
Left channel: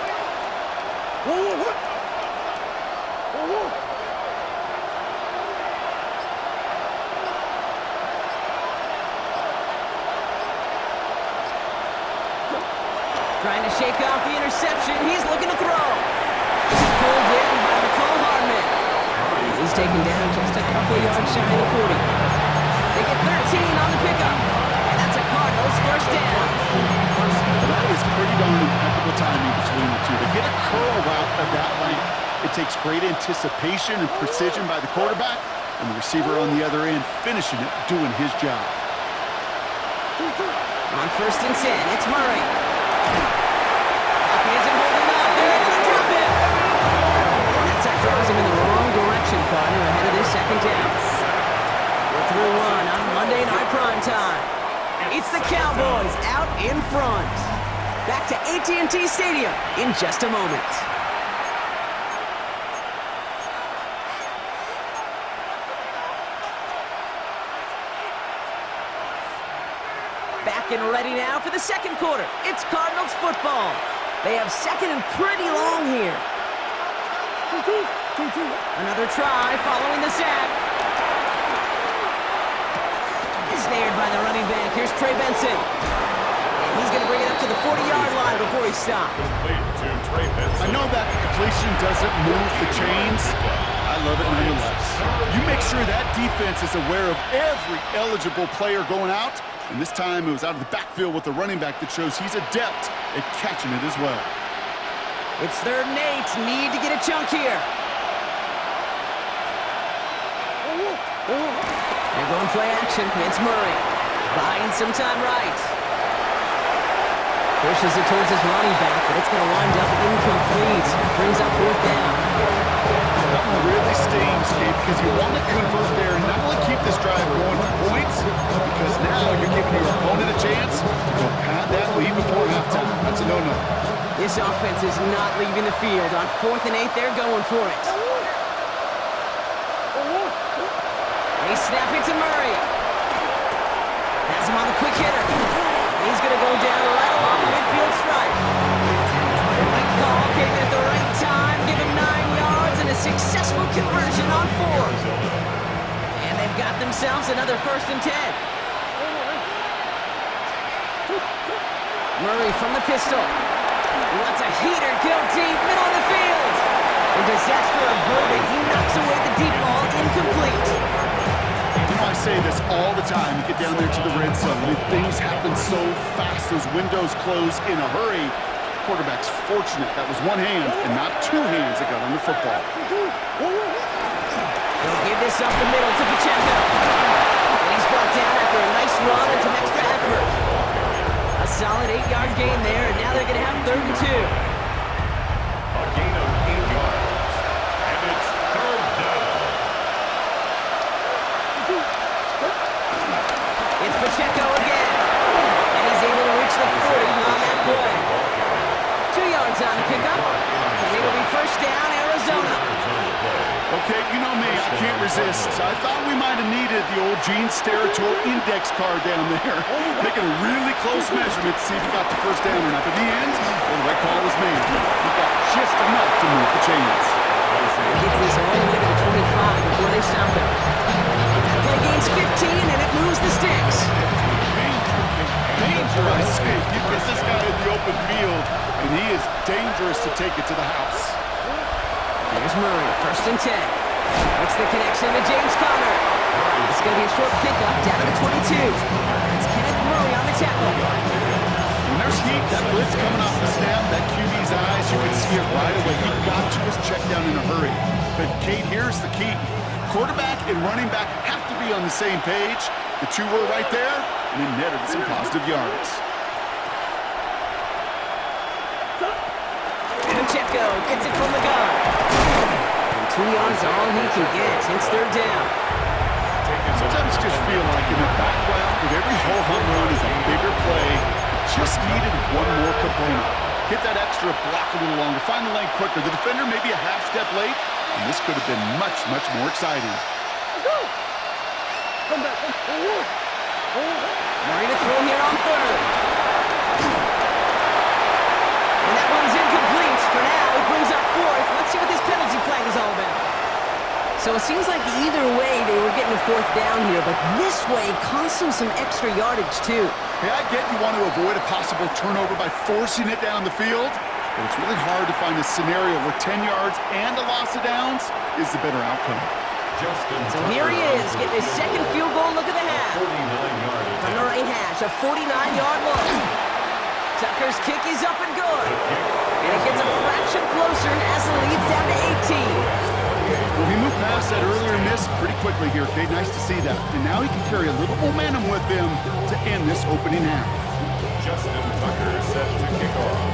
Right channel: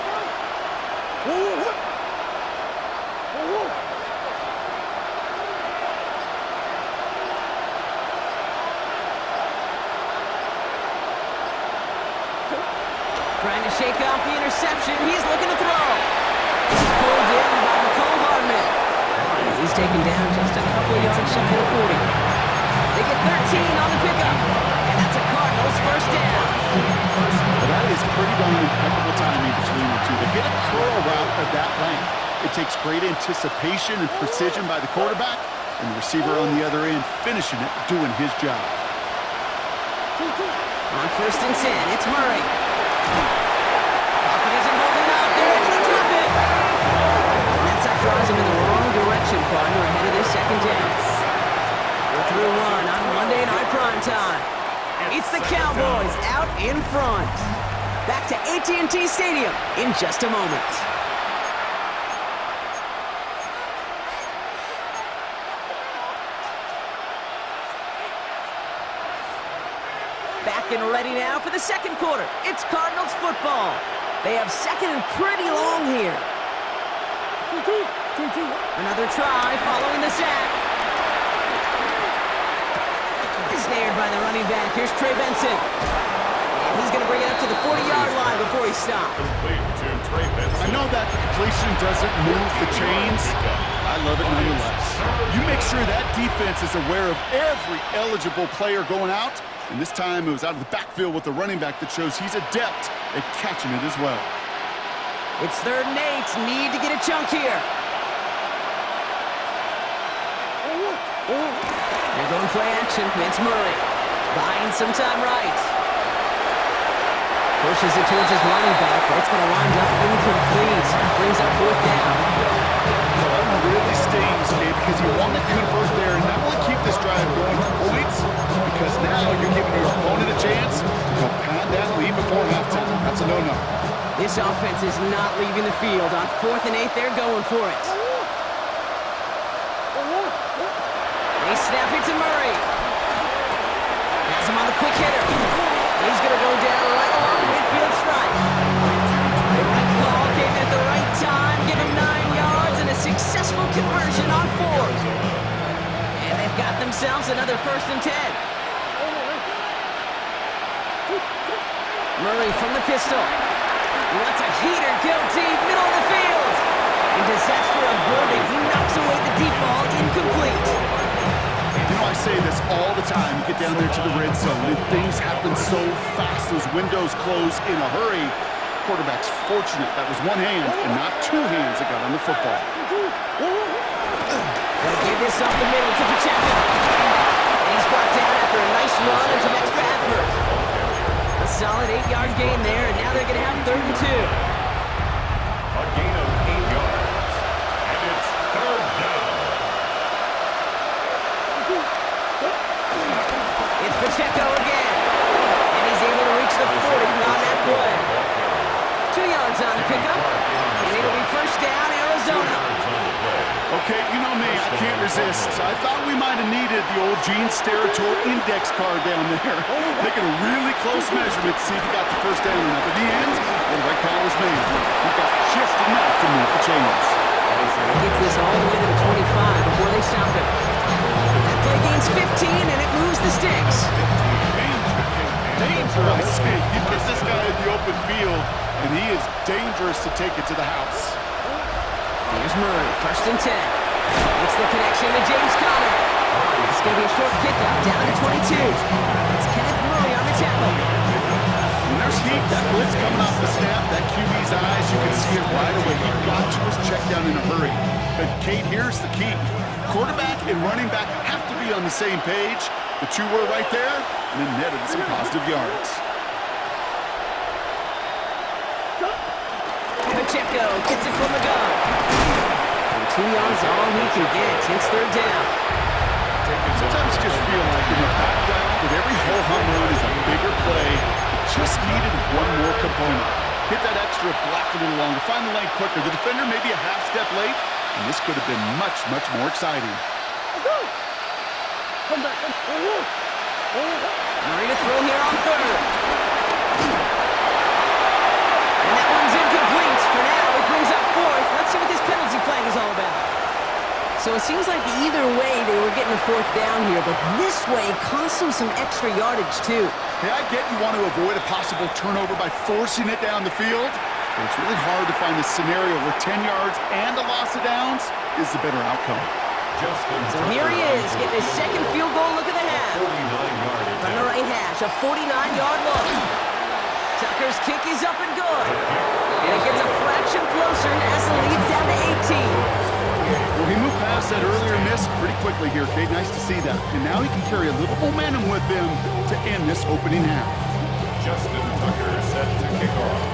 Trying to shake off the interception. He's looking to throw. This is pulled in by McCole Hardman. And he's taken down just a couple of yards shy of the 40. They get 13 on the pickup. And that's a Cardinals 1st down. Well, that is pretty darn impeccable timing between the two. To hit a curl route of that length, it takes great anticipation and precision by the quarterback, and the receiver on the other end finishing it, doing his job. On 1st and 10, it's Murray. Pocket isn't holding up. They're able to drop it. And that sack draws him in the wrong direction, partner, ahead of this 2nd down. We're through 1 on Monday Night Primetime. It's the Cowboys out in front. Back to AT&T Stadium in just a moment. Back and ready now for the 2nd quarter. It's Cardinals football. They have 2nd and pretty long here. Another try following the sack. Snared by the running back. Here's Trey Benson. And he's going to bring it up to the 40-yard line before he stops. Complete to Trey Benson. I know that the completion doesn't move the chains. I love it nonetheless. You make sure that defense is aware of every eligible player going out. And this time it was out of the backfield with the running back that shows he's adept at catching it as well. It's 3rd and 8. Need to get a chunk here. They're going play action. It's Murray. Buying some time right. Pushes it towards his running back, but it's going to wind up incomplete. That brings up 4th down. That one really stings, Kate, because you want to convert there and not only keep this drive going for points, because now you're giving your opponent a chance to go pad that lead before halftime. That's a no-no. This offense is not leaving the field. On 4th and 8, they're going for it. They snap it to Murray. Has him on the quick hitter. And he's going to go down right along the midfield stripe. The right call came in at the right time. Give him 9 yards and a successful conversion on 4th. And they've got themselves another 1st and 10. Murray from the pistol. He lets a heater go deep, middle of the field. And disaster averted. He knocks away the deep ball, incomplete. You know, I say this all the time. You get down there to the red zone, and things happen so fast. Those windows close in a hurry. Quarterback's fortunate that was one hand and not 2 hands that got on the football. They'll give this up the middle to Pacheco. And he's brought down after a nice run and some extra effort. A solid 8-yard gain there, and now they're going to have 3rd and 2. A gain of 8 yards. And it's 3rd down. It's Pacheco again. And he's able to reach the 40 on that play. 2 yards on the pickup. And it'll be 1st down, Arizona. Okay, you know me, I can't resist. I thought we might have needed the old Gene Steratore index card down there. Making a really close measurement to see if he got the 1st down or not. But in the end, well, the right call was made. He got just enough to move the chains. He gets this all the way to the 25 before they stop him. That play gains 15, and it moves the sticks. Danger, I say. You get this guy in the open field, and he is dangerous to take it to the house. Here's Murray, 1st and 10. Makes the connection to James Conner. It's going to be a short pickup down to the 22. It's Kenneth Murray on the tackle. When there's heat, that blitz coming off the snap, that QB's eyes, you can see it right away. He got to his check down in a hurry. But, Kate, here's the key. Quarterback and running back have to be on the same page. The 2 were right there, and it netted some positive yards. Pacheco gets it from the gun. And 2 yards are all he can get. It's 3rd down. Sometimes you just feel like in the background that every ho-hum run is a bigger play. It just needed one more component. Hit that extra block a little longer. Find the lane quicker. The defender may be a half step late, and this could have been much, much more exciting. Come back. Murray to throw here on 3rd. And that one's incomplete. For now, it brings up 4th. Let's see what this penalty flag is all about. So it seems like either way they were getting a 4th down here, but this way cost them some extra yardage too. Hey, I get you want to avoid a possible turnover by forcing it down the field, but it's really hard to find a scenario where 10 yards and a loss of downs is the better outcome. So here he is, getting his 2nd field goal look of the half. 49-yard From the right hash, a 49-yard look. Tucker's kick is up and good. And it gets a fraction closer as the lead's down to 18. Well, he moved past that earlier miss pretty quickly here, Kate. Nice to see that. And now he can carry a little momentum with him to end this opening half. Justin Tucker set to kick off.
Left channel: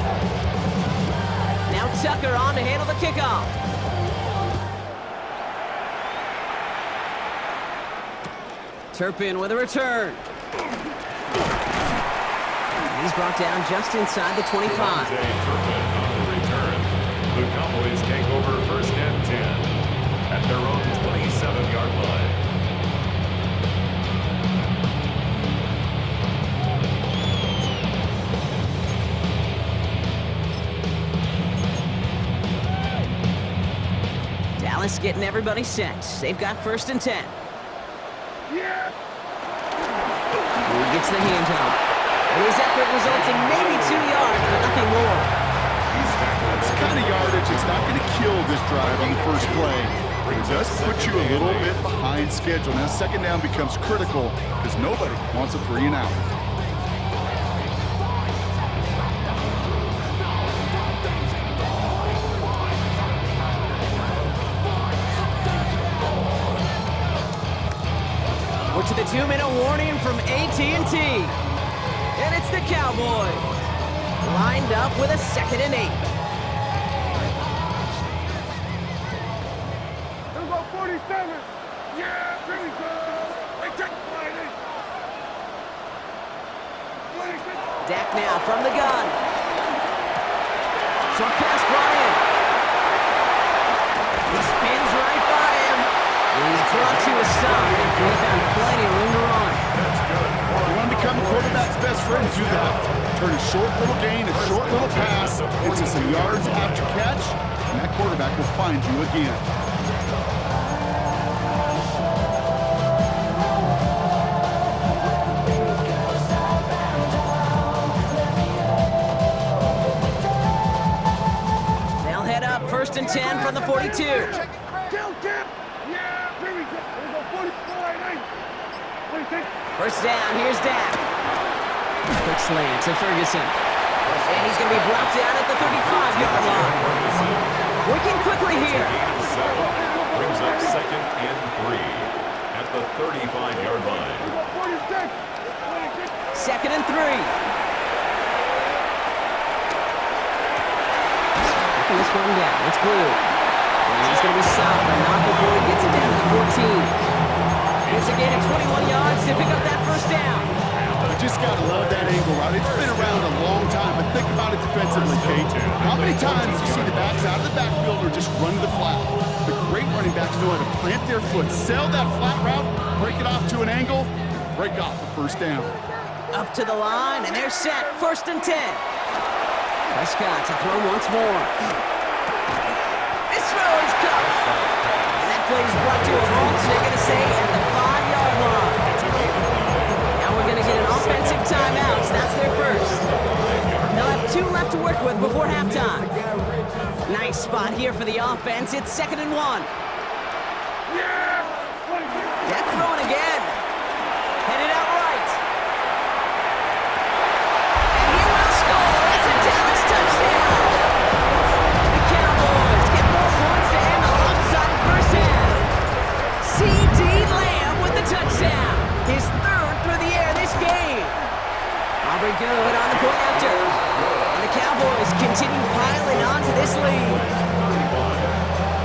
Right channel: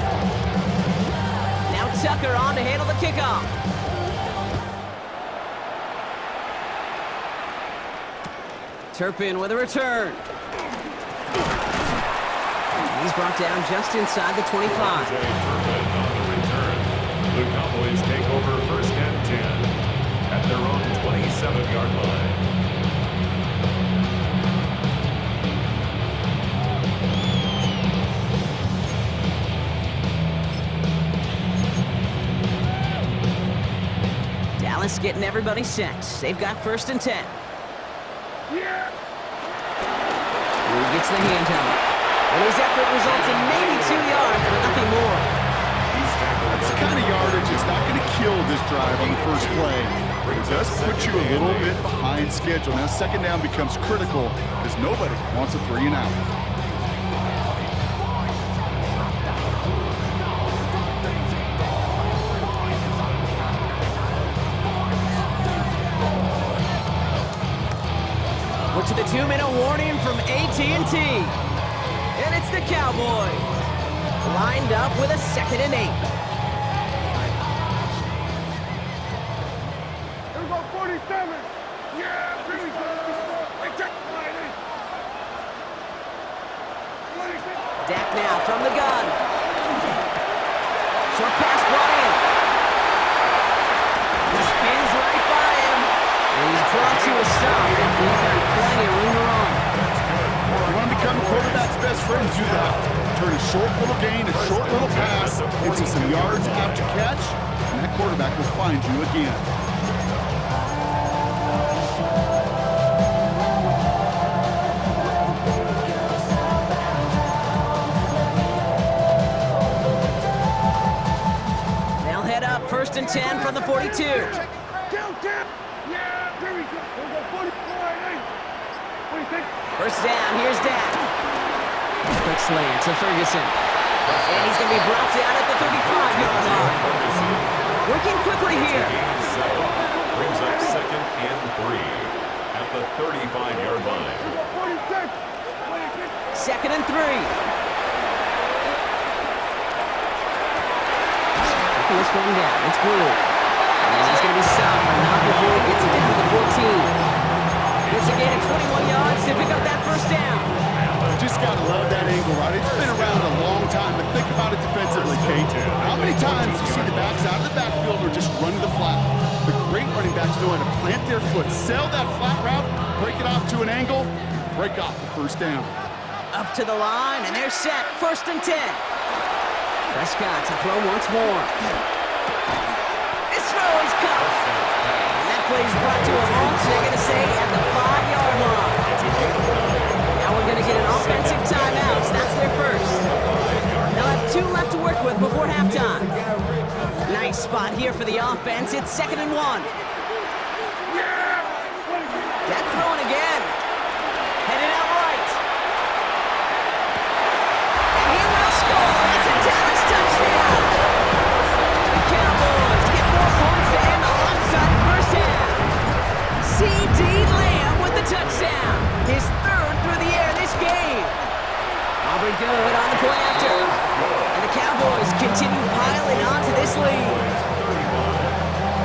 Now Tucker on to handle the kickoff. Turpin with a return. And he's brought down just inside the 25. Turpin on the return. The Cowboys take over 1st and 10 at their own 27-yard line. Dallas getting everybody set. They've got 1st and 10. Yeah. He gets the handoff. And his effort results in maybe 2 yards, but nothing more. That's the kind of yardage it's not going to kill this drive on the first play. But it does put you a little bit behind schedule. Now 2nd down becomes critical because nobody wants a 3 and out. We're to the 2-minute warning from AT&T. And it's the Cowboys. Lined up with a 2nd and 8. Here we go, 47. Yeah, here we go. Wait, check. Dak now from the gun. Short pass brought in. He spins right by him. And he's brought to a stop after he found plenty of room to run. That's good. You want to become a quarterback's best friend, do that. Turn a short little gain, a short little pass into some yards after catch, and that quarterback will find you again. They'll head up 1st and 10 from the 42. Kill. Yeah, here we go. Here we go, 44. 26. 1st down, here's Dak. Quick slant to Ferguson. And he's going to be brought down at the 35-yard line. Working quickly here. Brings up 2nd and 3 at the 35-yard line. 46. 2nd and 3. Taking this one down. It's Blue. And he's going to be stopped, but not before he gets it down to the 14. Gets a gain of 21 yards to pick up that 1st down. You just got to love that angle, right? It's been around a long time, but think about it defensively, Kate. How many times you see the backs out of the backfield or just run to the flat? The great running backs know how to plant their foot, sell that flat route, break it off to an angle, and break off the 1st down. Up to the line, and they're set. 1st and 10. Prescott to throw once more. This throw is caught. And that play is brought to a halt, they're going to say, at the 5-yard line. Now we're going to get an offensive timeout. So that's their 1st. They'll have 2 left to work with before halftime. Nice spot here for the offense. It's 2nd and 1. Dak throwing again. Headed out right. And he will score. It's a Dallas touchdown. The Cowboys get more points to end the lopsided 1st half. C.D. Lamb with the touchdown. His 3rd through the air this game. Aubrey good on the point after. And the Cowboys continue piling on to this lead. 35.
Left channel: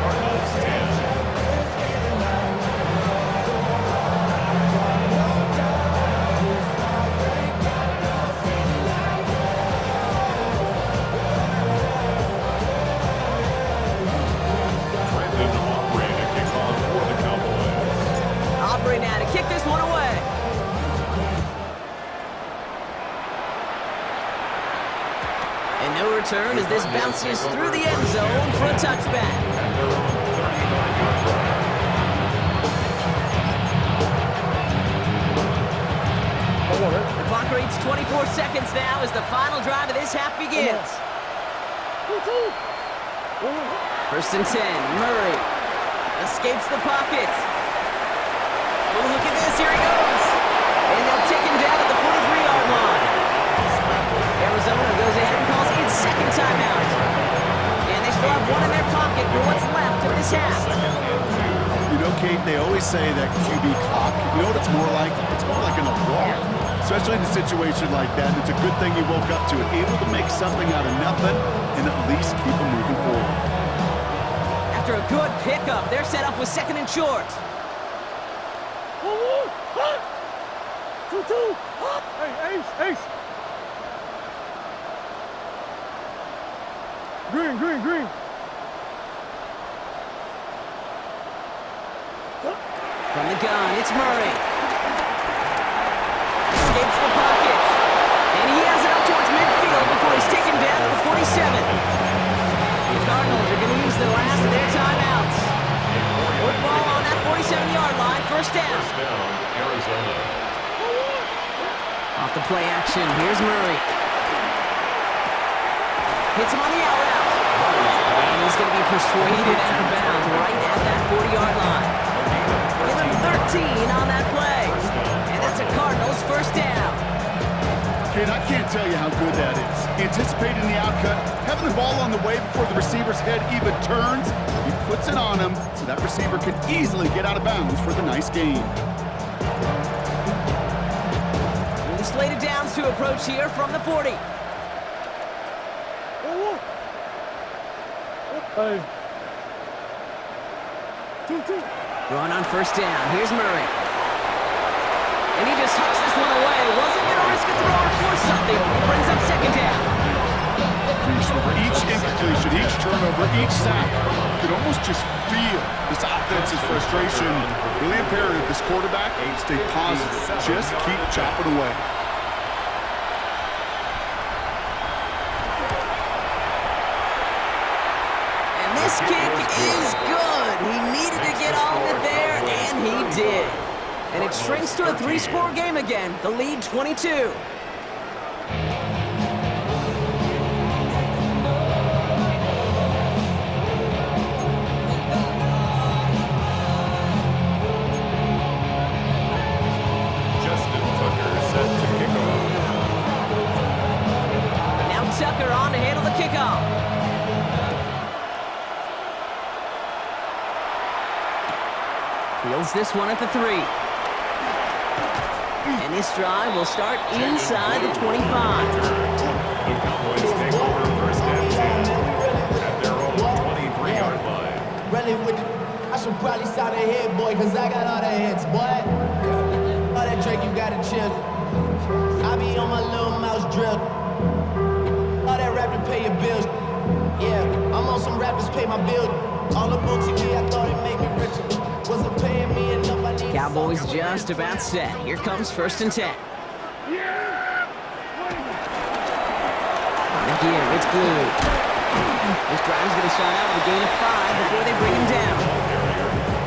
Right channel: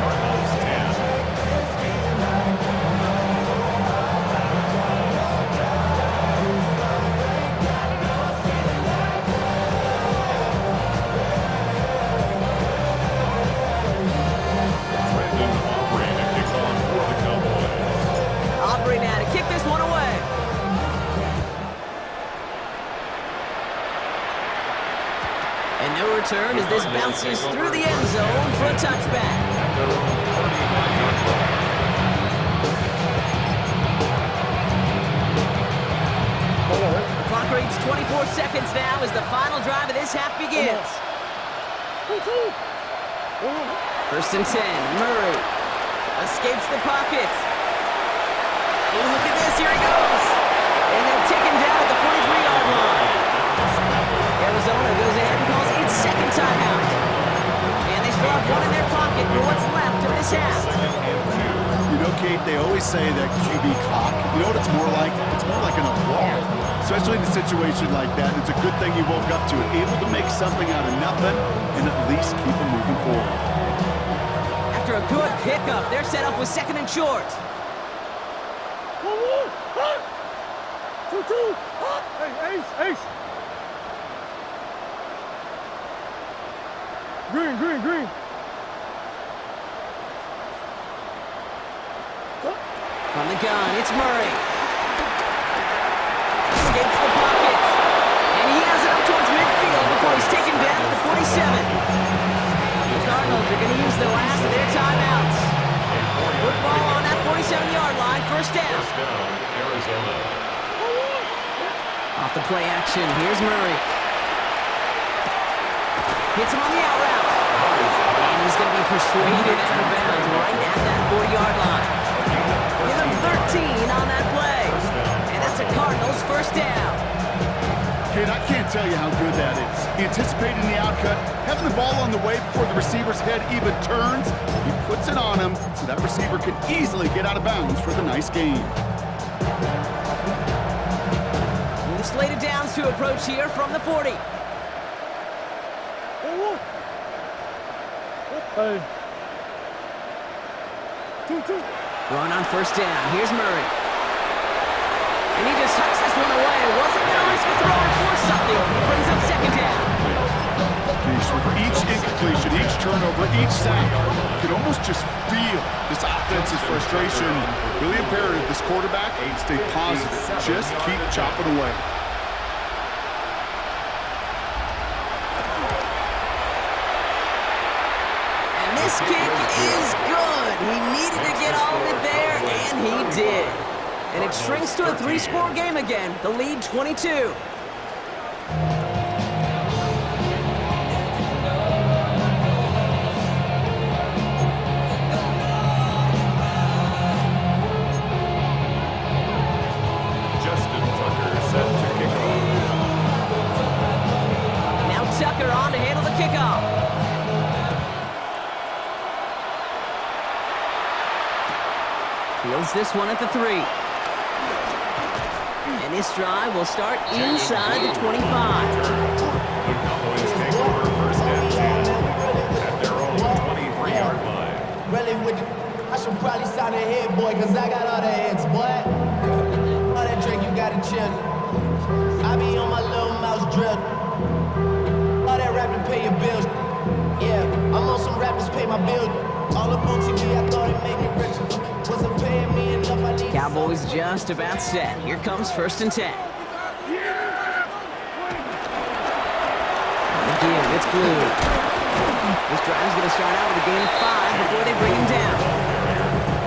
Cardinals 10. Brandon Aubrey to kick off for the Cowboys. Aubrey now to kick this one away. And no return as this bounces through the end zone for a touchback. At their own 35-yard line. The clock reads 24 seconds now as the final drive of this half begins. 1st and 10, Murray escapes the pocket. Oh, look at this, here he goes. And they'll take him down at the 43-yard line. Arizona goes ahead and calls its 2nd timeout. And they still have 1 in their pocket for what's left of this half. You know, Kate, they always say that QB clock, you know what it's more like? It's more like an alarm, especially in a situation like that. It's a good thing you woke up to it, able to make something out of nothing and at least keep them moving forward. After a good pickup, they're set up with 2nd and short. 2-2. Hey, Ace. Green. From the gun, it's Murray. Escapes the pocket. And he has it up towards midfield before he's taken down at the 47. The Cardinals are going to use the last of their timeouts. Football on that 47-yard line, first down. First down, Arizona. Off the play action, here's Murray. Hits him on the out route. And he's going to be persuaded out of bounds right at that 40-yard line. Give him 13 on that play. And that's a Cardinals first down. Kid, I can't tell you how good that is. Anticipating the outcut, having the ball on the way before the receiver's head even turns, he puts it on him so that receiver can easily get out of bounds for the nice gain. With a slate of downs to approach here from the 40. Hey. 2-2. Run on first down. Here's Murray. And he just hucks this one away. Wasn't going to risk a throw or force something. He brings up second down. Jeez, with each incompletion, each turnover, each sack, you can almost just feel this offense's frustration. Really imperative this quarterback stay positive. Just keep chopping away. And this kick is good. He needed to get all of it there, and he did. And it shrinks to a 3-score game again. The lead 22. Justin Tucker set to kick off. Now Tucker on to handle the kickoff. Fields this one at the 3. And this drive will start inside the 25. The Cowboys take over first and 10 at their own 23-yard line. Really with the, I should probably sign a head, boy, because I got all the heads, boy. All that Drake, you gotta chill. I be on my little mouse drill. All that rap to pay your bills. Yeah, I'm on some rappers pay my bills. All up on TV, I thought it made me richer. Wasn't paying me enough, I need Cowboys just about set. Here comes first and 10. On the give, it's Blue. This drive's going to start out with a gain of 5 before they bring him down.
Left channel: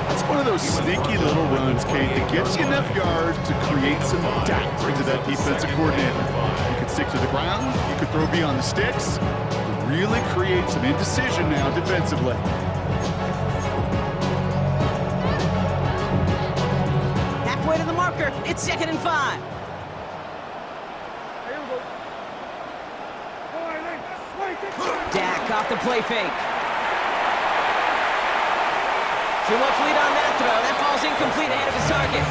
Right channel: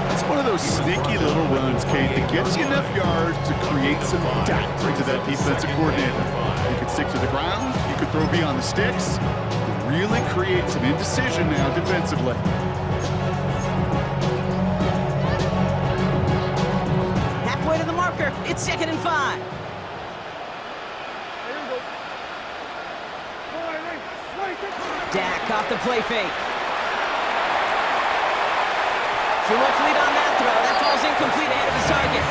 That's one of those sneaky little runs, Kate, that gets you enough yards to create some doubt into that defensive coordinator. You could stick to the ground, you could throw beyond the sticks, you could really create some indecision now defensively. Halfway to the marker, it's 2nd and 5. Here we go. Dak off the play fake. Too much lead on that throw. That falls incomplete ahead of his target.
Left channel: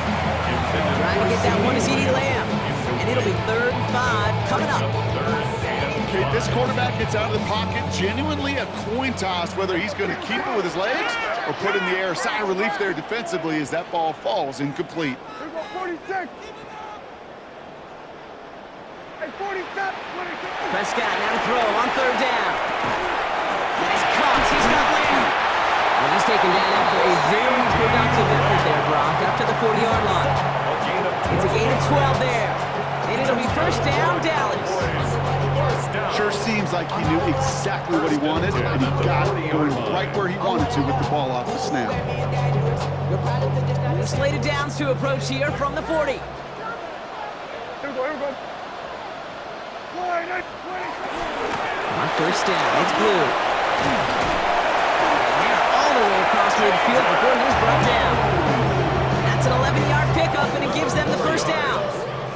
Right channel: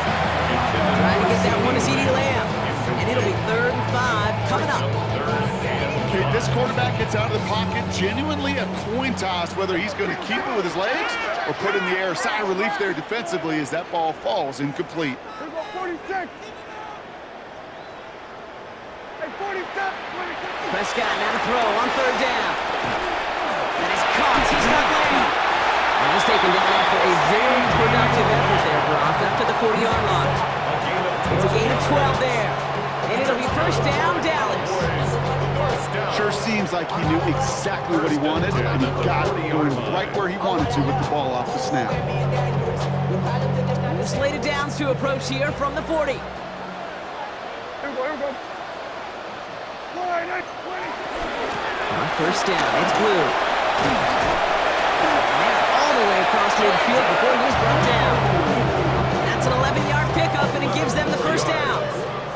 Trying to get that one to CeeDee Lamb. And it'll be 3rd and 5 coming up. Okay, this quarterback gets out of the pocket, genuinely a coin toss whether he's going to keep it with his legs or put in the air. Sigh of relief there defensively as that ball falls incomplete. Here we go, 46. Hey, 47. Prescott now to throw on 3rd down. And he's caught. He's got Lamb. And he's taken down after a very productive effort there, Brock, up to the 40-yard line. It's a gain of 12 there. And it'll be first down, Dallas. Sure seems like he knew exactly what he wanted, and he got it going right where he wanted to with the ball off the snap. New slate of downs to approach here from the 40. Here we go, here we go. On first down, it's Blue. And they're all the way across midfield before he's brought down. That's an 11-yard pickup, and it gives them the first down.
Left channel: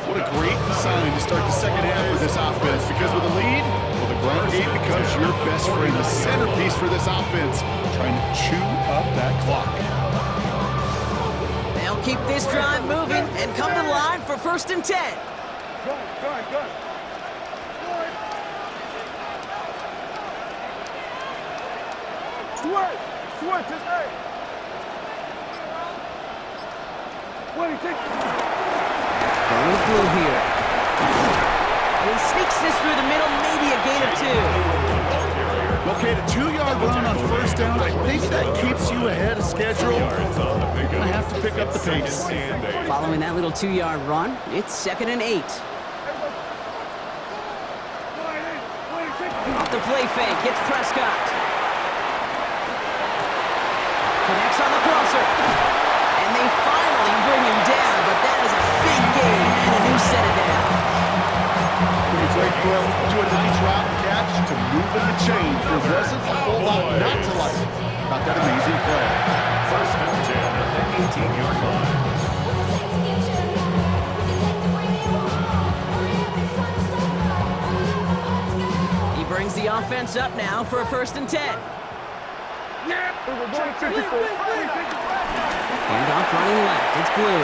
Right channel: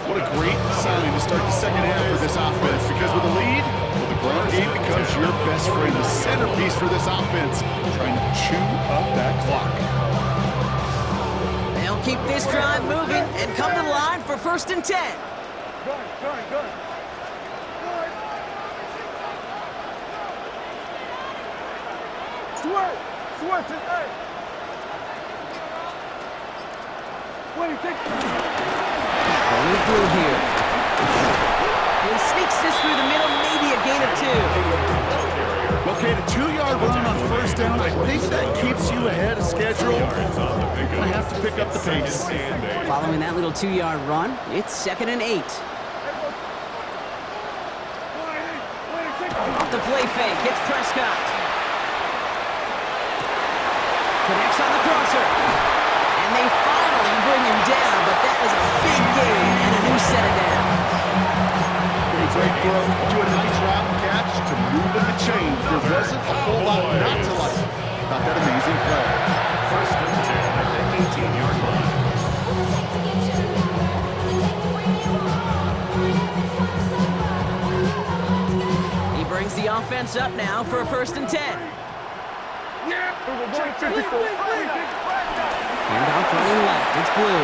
What a great sign to start the second half for this offense, because with a lead, well, the ground game becomes your best friend, the centerpiece for this offense, trying to chew up that clock. They'll keep this drive moving and come to the line for first and 10. Good. Sweat today. What do you think? Going with Blue here. And he sneaks this through the middle, maybe a gain of 2. Okay, the 2-yard run on first down, I think that keeps you ahead of schedule. You're going to have to pick up the pace. Following that little 2-yard run, it's 2nd and 8. Off the play fake, it's Prescott. Connects on the crosser. And they finally bring him down, but that is a big gain and a new set of downs. Pretty great throw. Do a nice route and catch to move in the chains. There wasn't a whole lot not to like about that amazing play. First and 10 at the 18-yard line. What's it take to get you a number? What's it take to bring you home? Hurry up, it's time to suffer. Hurry up, I'm hot to go. He brings the offense up now for a first and 10. Handoff running left. It's Blue.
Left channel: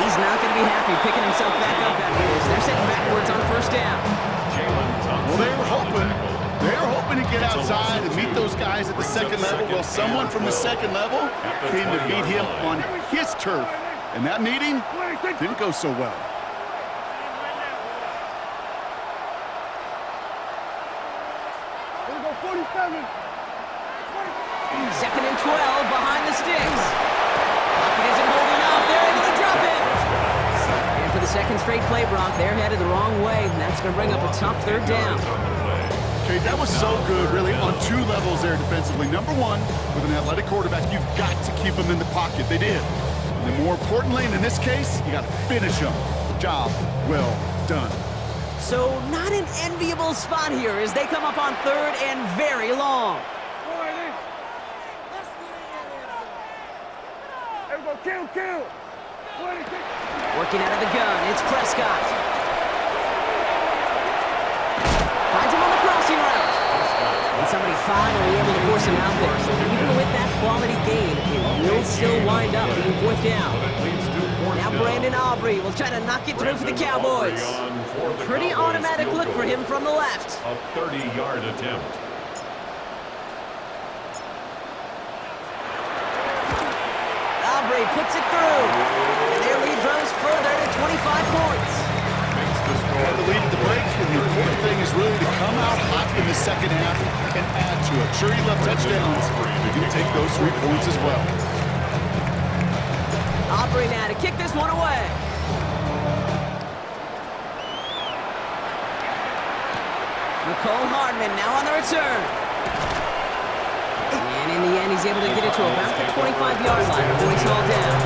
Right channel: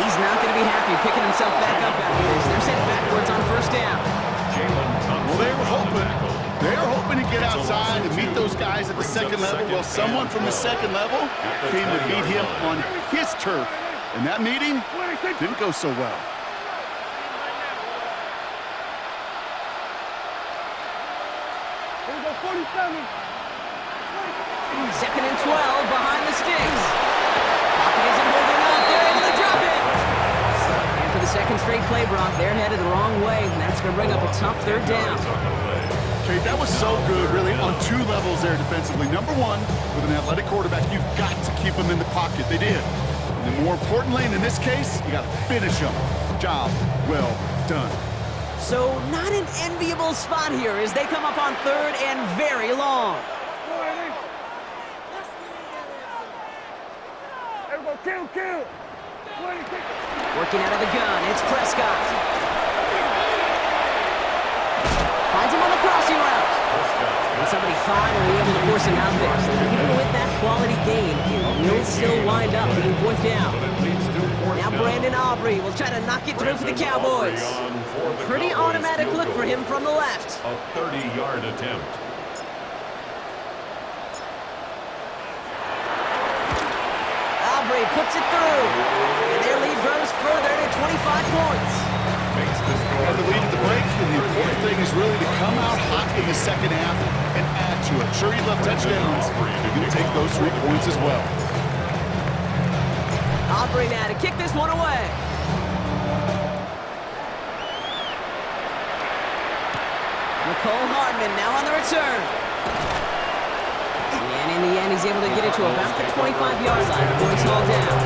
He's not going to be happy picking himself back up after this. They're sent backwards on first down. Well, they were hoping to get outside and meet those guys at the second level. Well, someone from the second level came to beat him on his turf. And that meeting didn't go so well. Here we go, 47. Second and 12 behind the sticks. Pocket isn't holding up. They're able to drop it. And for the second straight play, Brock, they're headed the wrong way, and that's going to bring up a tough third down. Okay, that was so good, really, on two levels there defensively. Number one, with an athletic quarterback, you've got to keep him in the pocket. They did. And then more importantly, and in this case, you got to finish him. Job well done. So not an enviable spot here as they come up on third and very long. Everybody, kill. 26. Working out of the gun, it's Prescott. Finds him on the crossing route. And somebody finally able to force him out there. So even with that quality gain, it will still wind up being fourth down. Now Brandon Aubrey will try to knock it through for the Cowboys. Pretty automatic look for him from the left. A 30-yard attempt. Aubrey puts it through. And their lead grows further to 25 points. Makes the score. Had the lead at the break, and the important thing is really to come out hot in the second half and add to it. Sure, you left touchdowns, but you'll take those 3 points as well. Aubrey now to kick this one away. Nicole Hardman now on the return. And in the end, he's able to get it to about the 25-yard line before he's hauled down.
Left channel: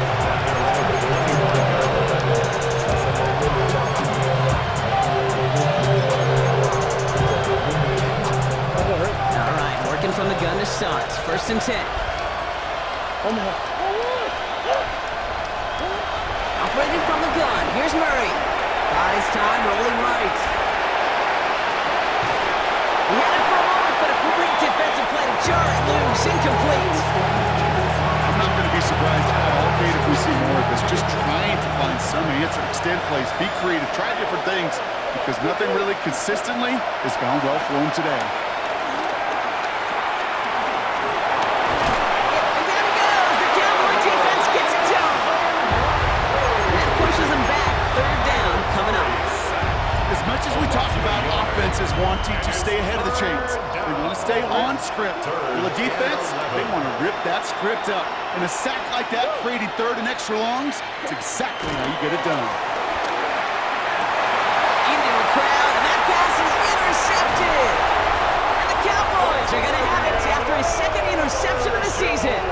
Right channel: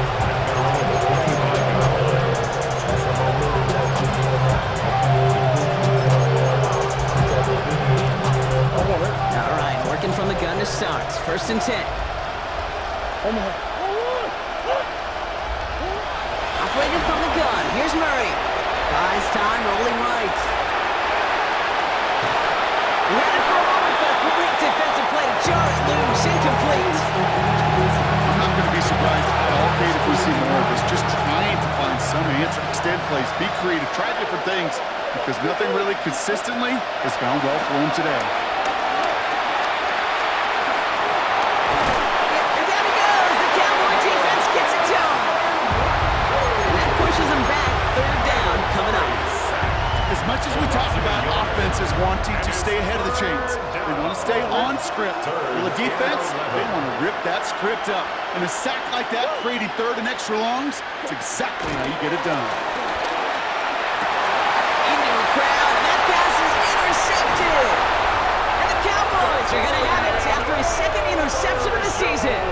All right, working from the gun to start. First and 10. Operated from the gun. Here's Murray. Buys time, rolling right. He had it for a moment, but a great defensive play to jar it loose. Incomplete. I'm not going to be surprised at all, Kate, if we see more of this. Just trying to find some answer, extend plays, be creative, try different things, because nothing really consistently has gone well for him today. And down he goes. The Cowboy defense gets it to him. And that pushes him back. Third down coming up. As much as we talk about offenses wanting to stay ahead of the chains, they want to stay on script. Well, the defense, they want to rip that script up. And a sack like that, creating third and extra longs, it's exactly how you get it done. Into a crowd, and that pass is intercepted. And the Cowboys are going to have it after his second interception of the season.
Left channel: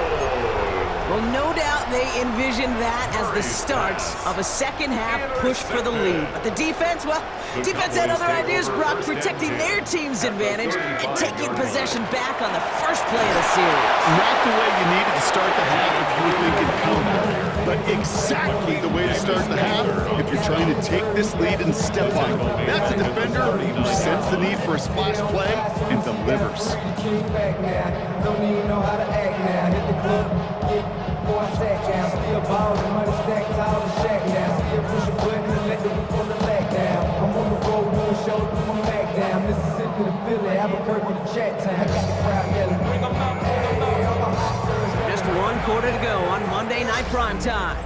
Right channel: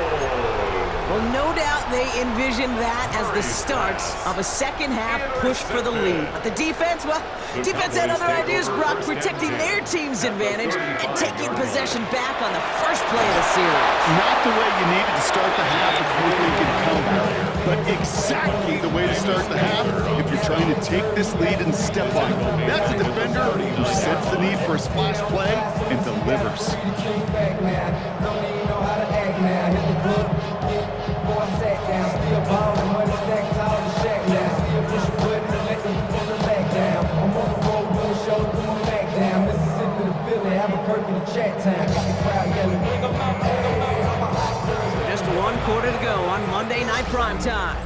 Well, no doubt they envisioned that as the start of a second-half push for the lead. But the defense, well, defense had other ideas, Brock, protecting their team's advantage and taking possession back on the first play of the series. Not the way you needed to start the half if you were thinking comeback, but exactly the way to start the half if you're trying to take this lead and step on it. That's a defender who sets the need for a splash play and delivers. Don't even know how to act now. Hit the club, before I sat down. Still ballin', money stacked tall and shack now. Still push a button and let the whip on the leg down. I'm on the road doing shows, put my back down. Mississippi to Philly, Albuquerque to Chat Town. I got the crowd yelling, bring 'em out, bring 'em out. I'm a hot girl. Just one quarter to go on Monday Night Primetime.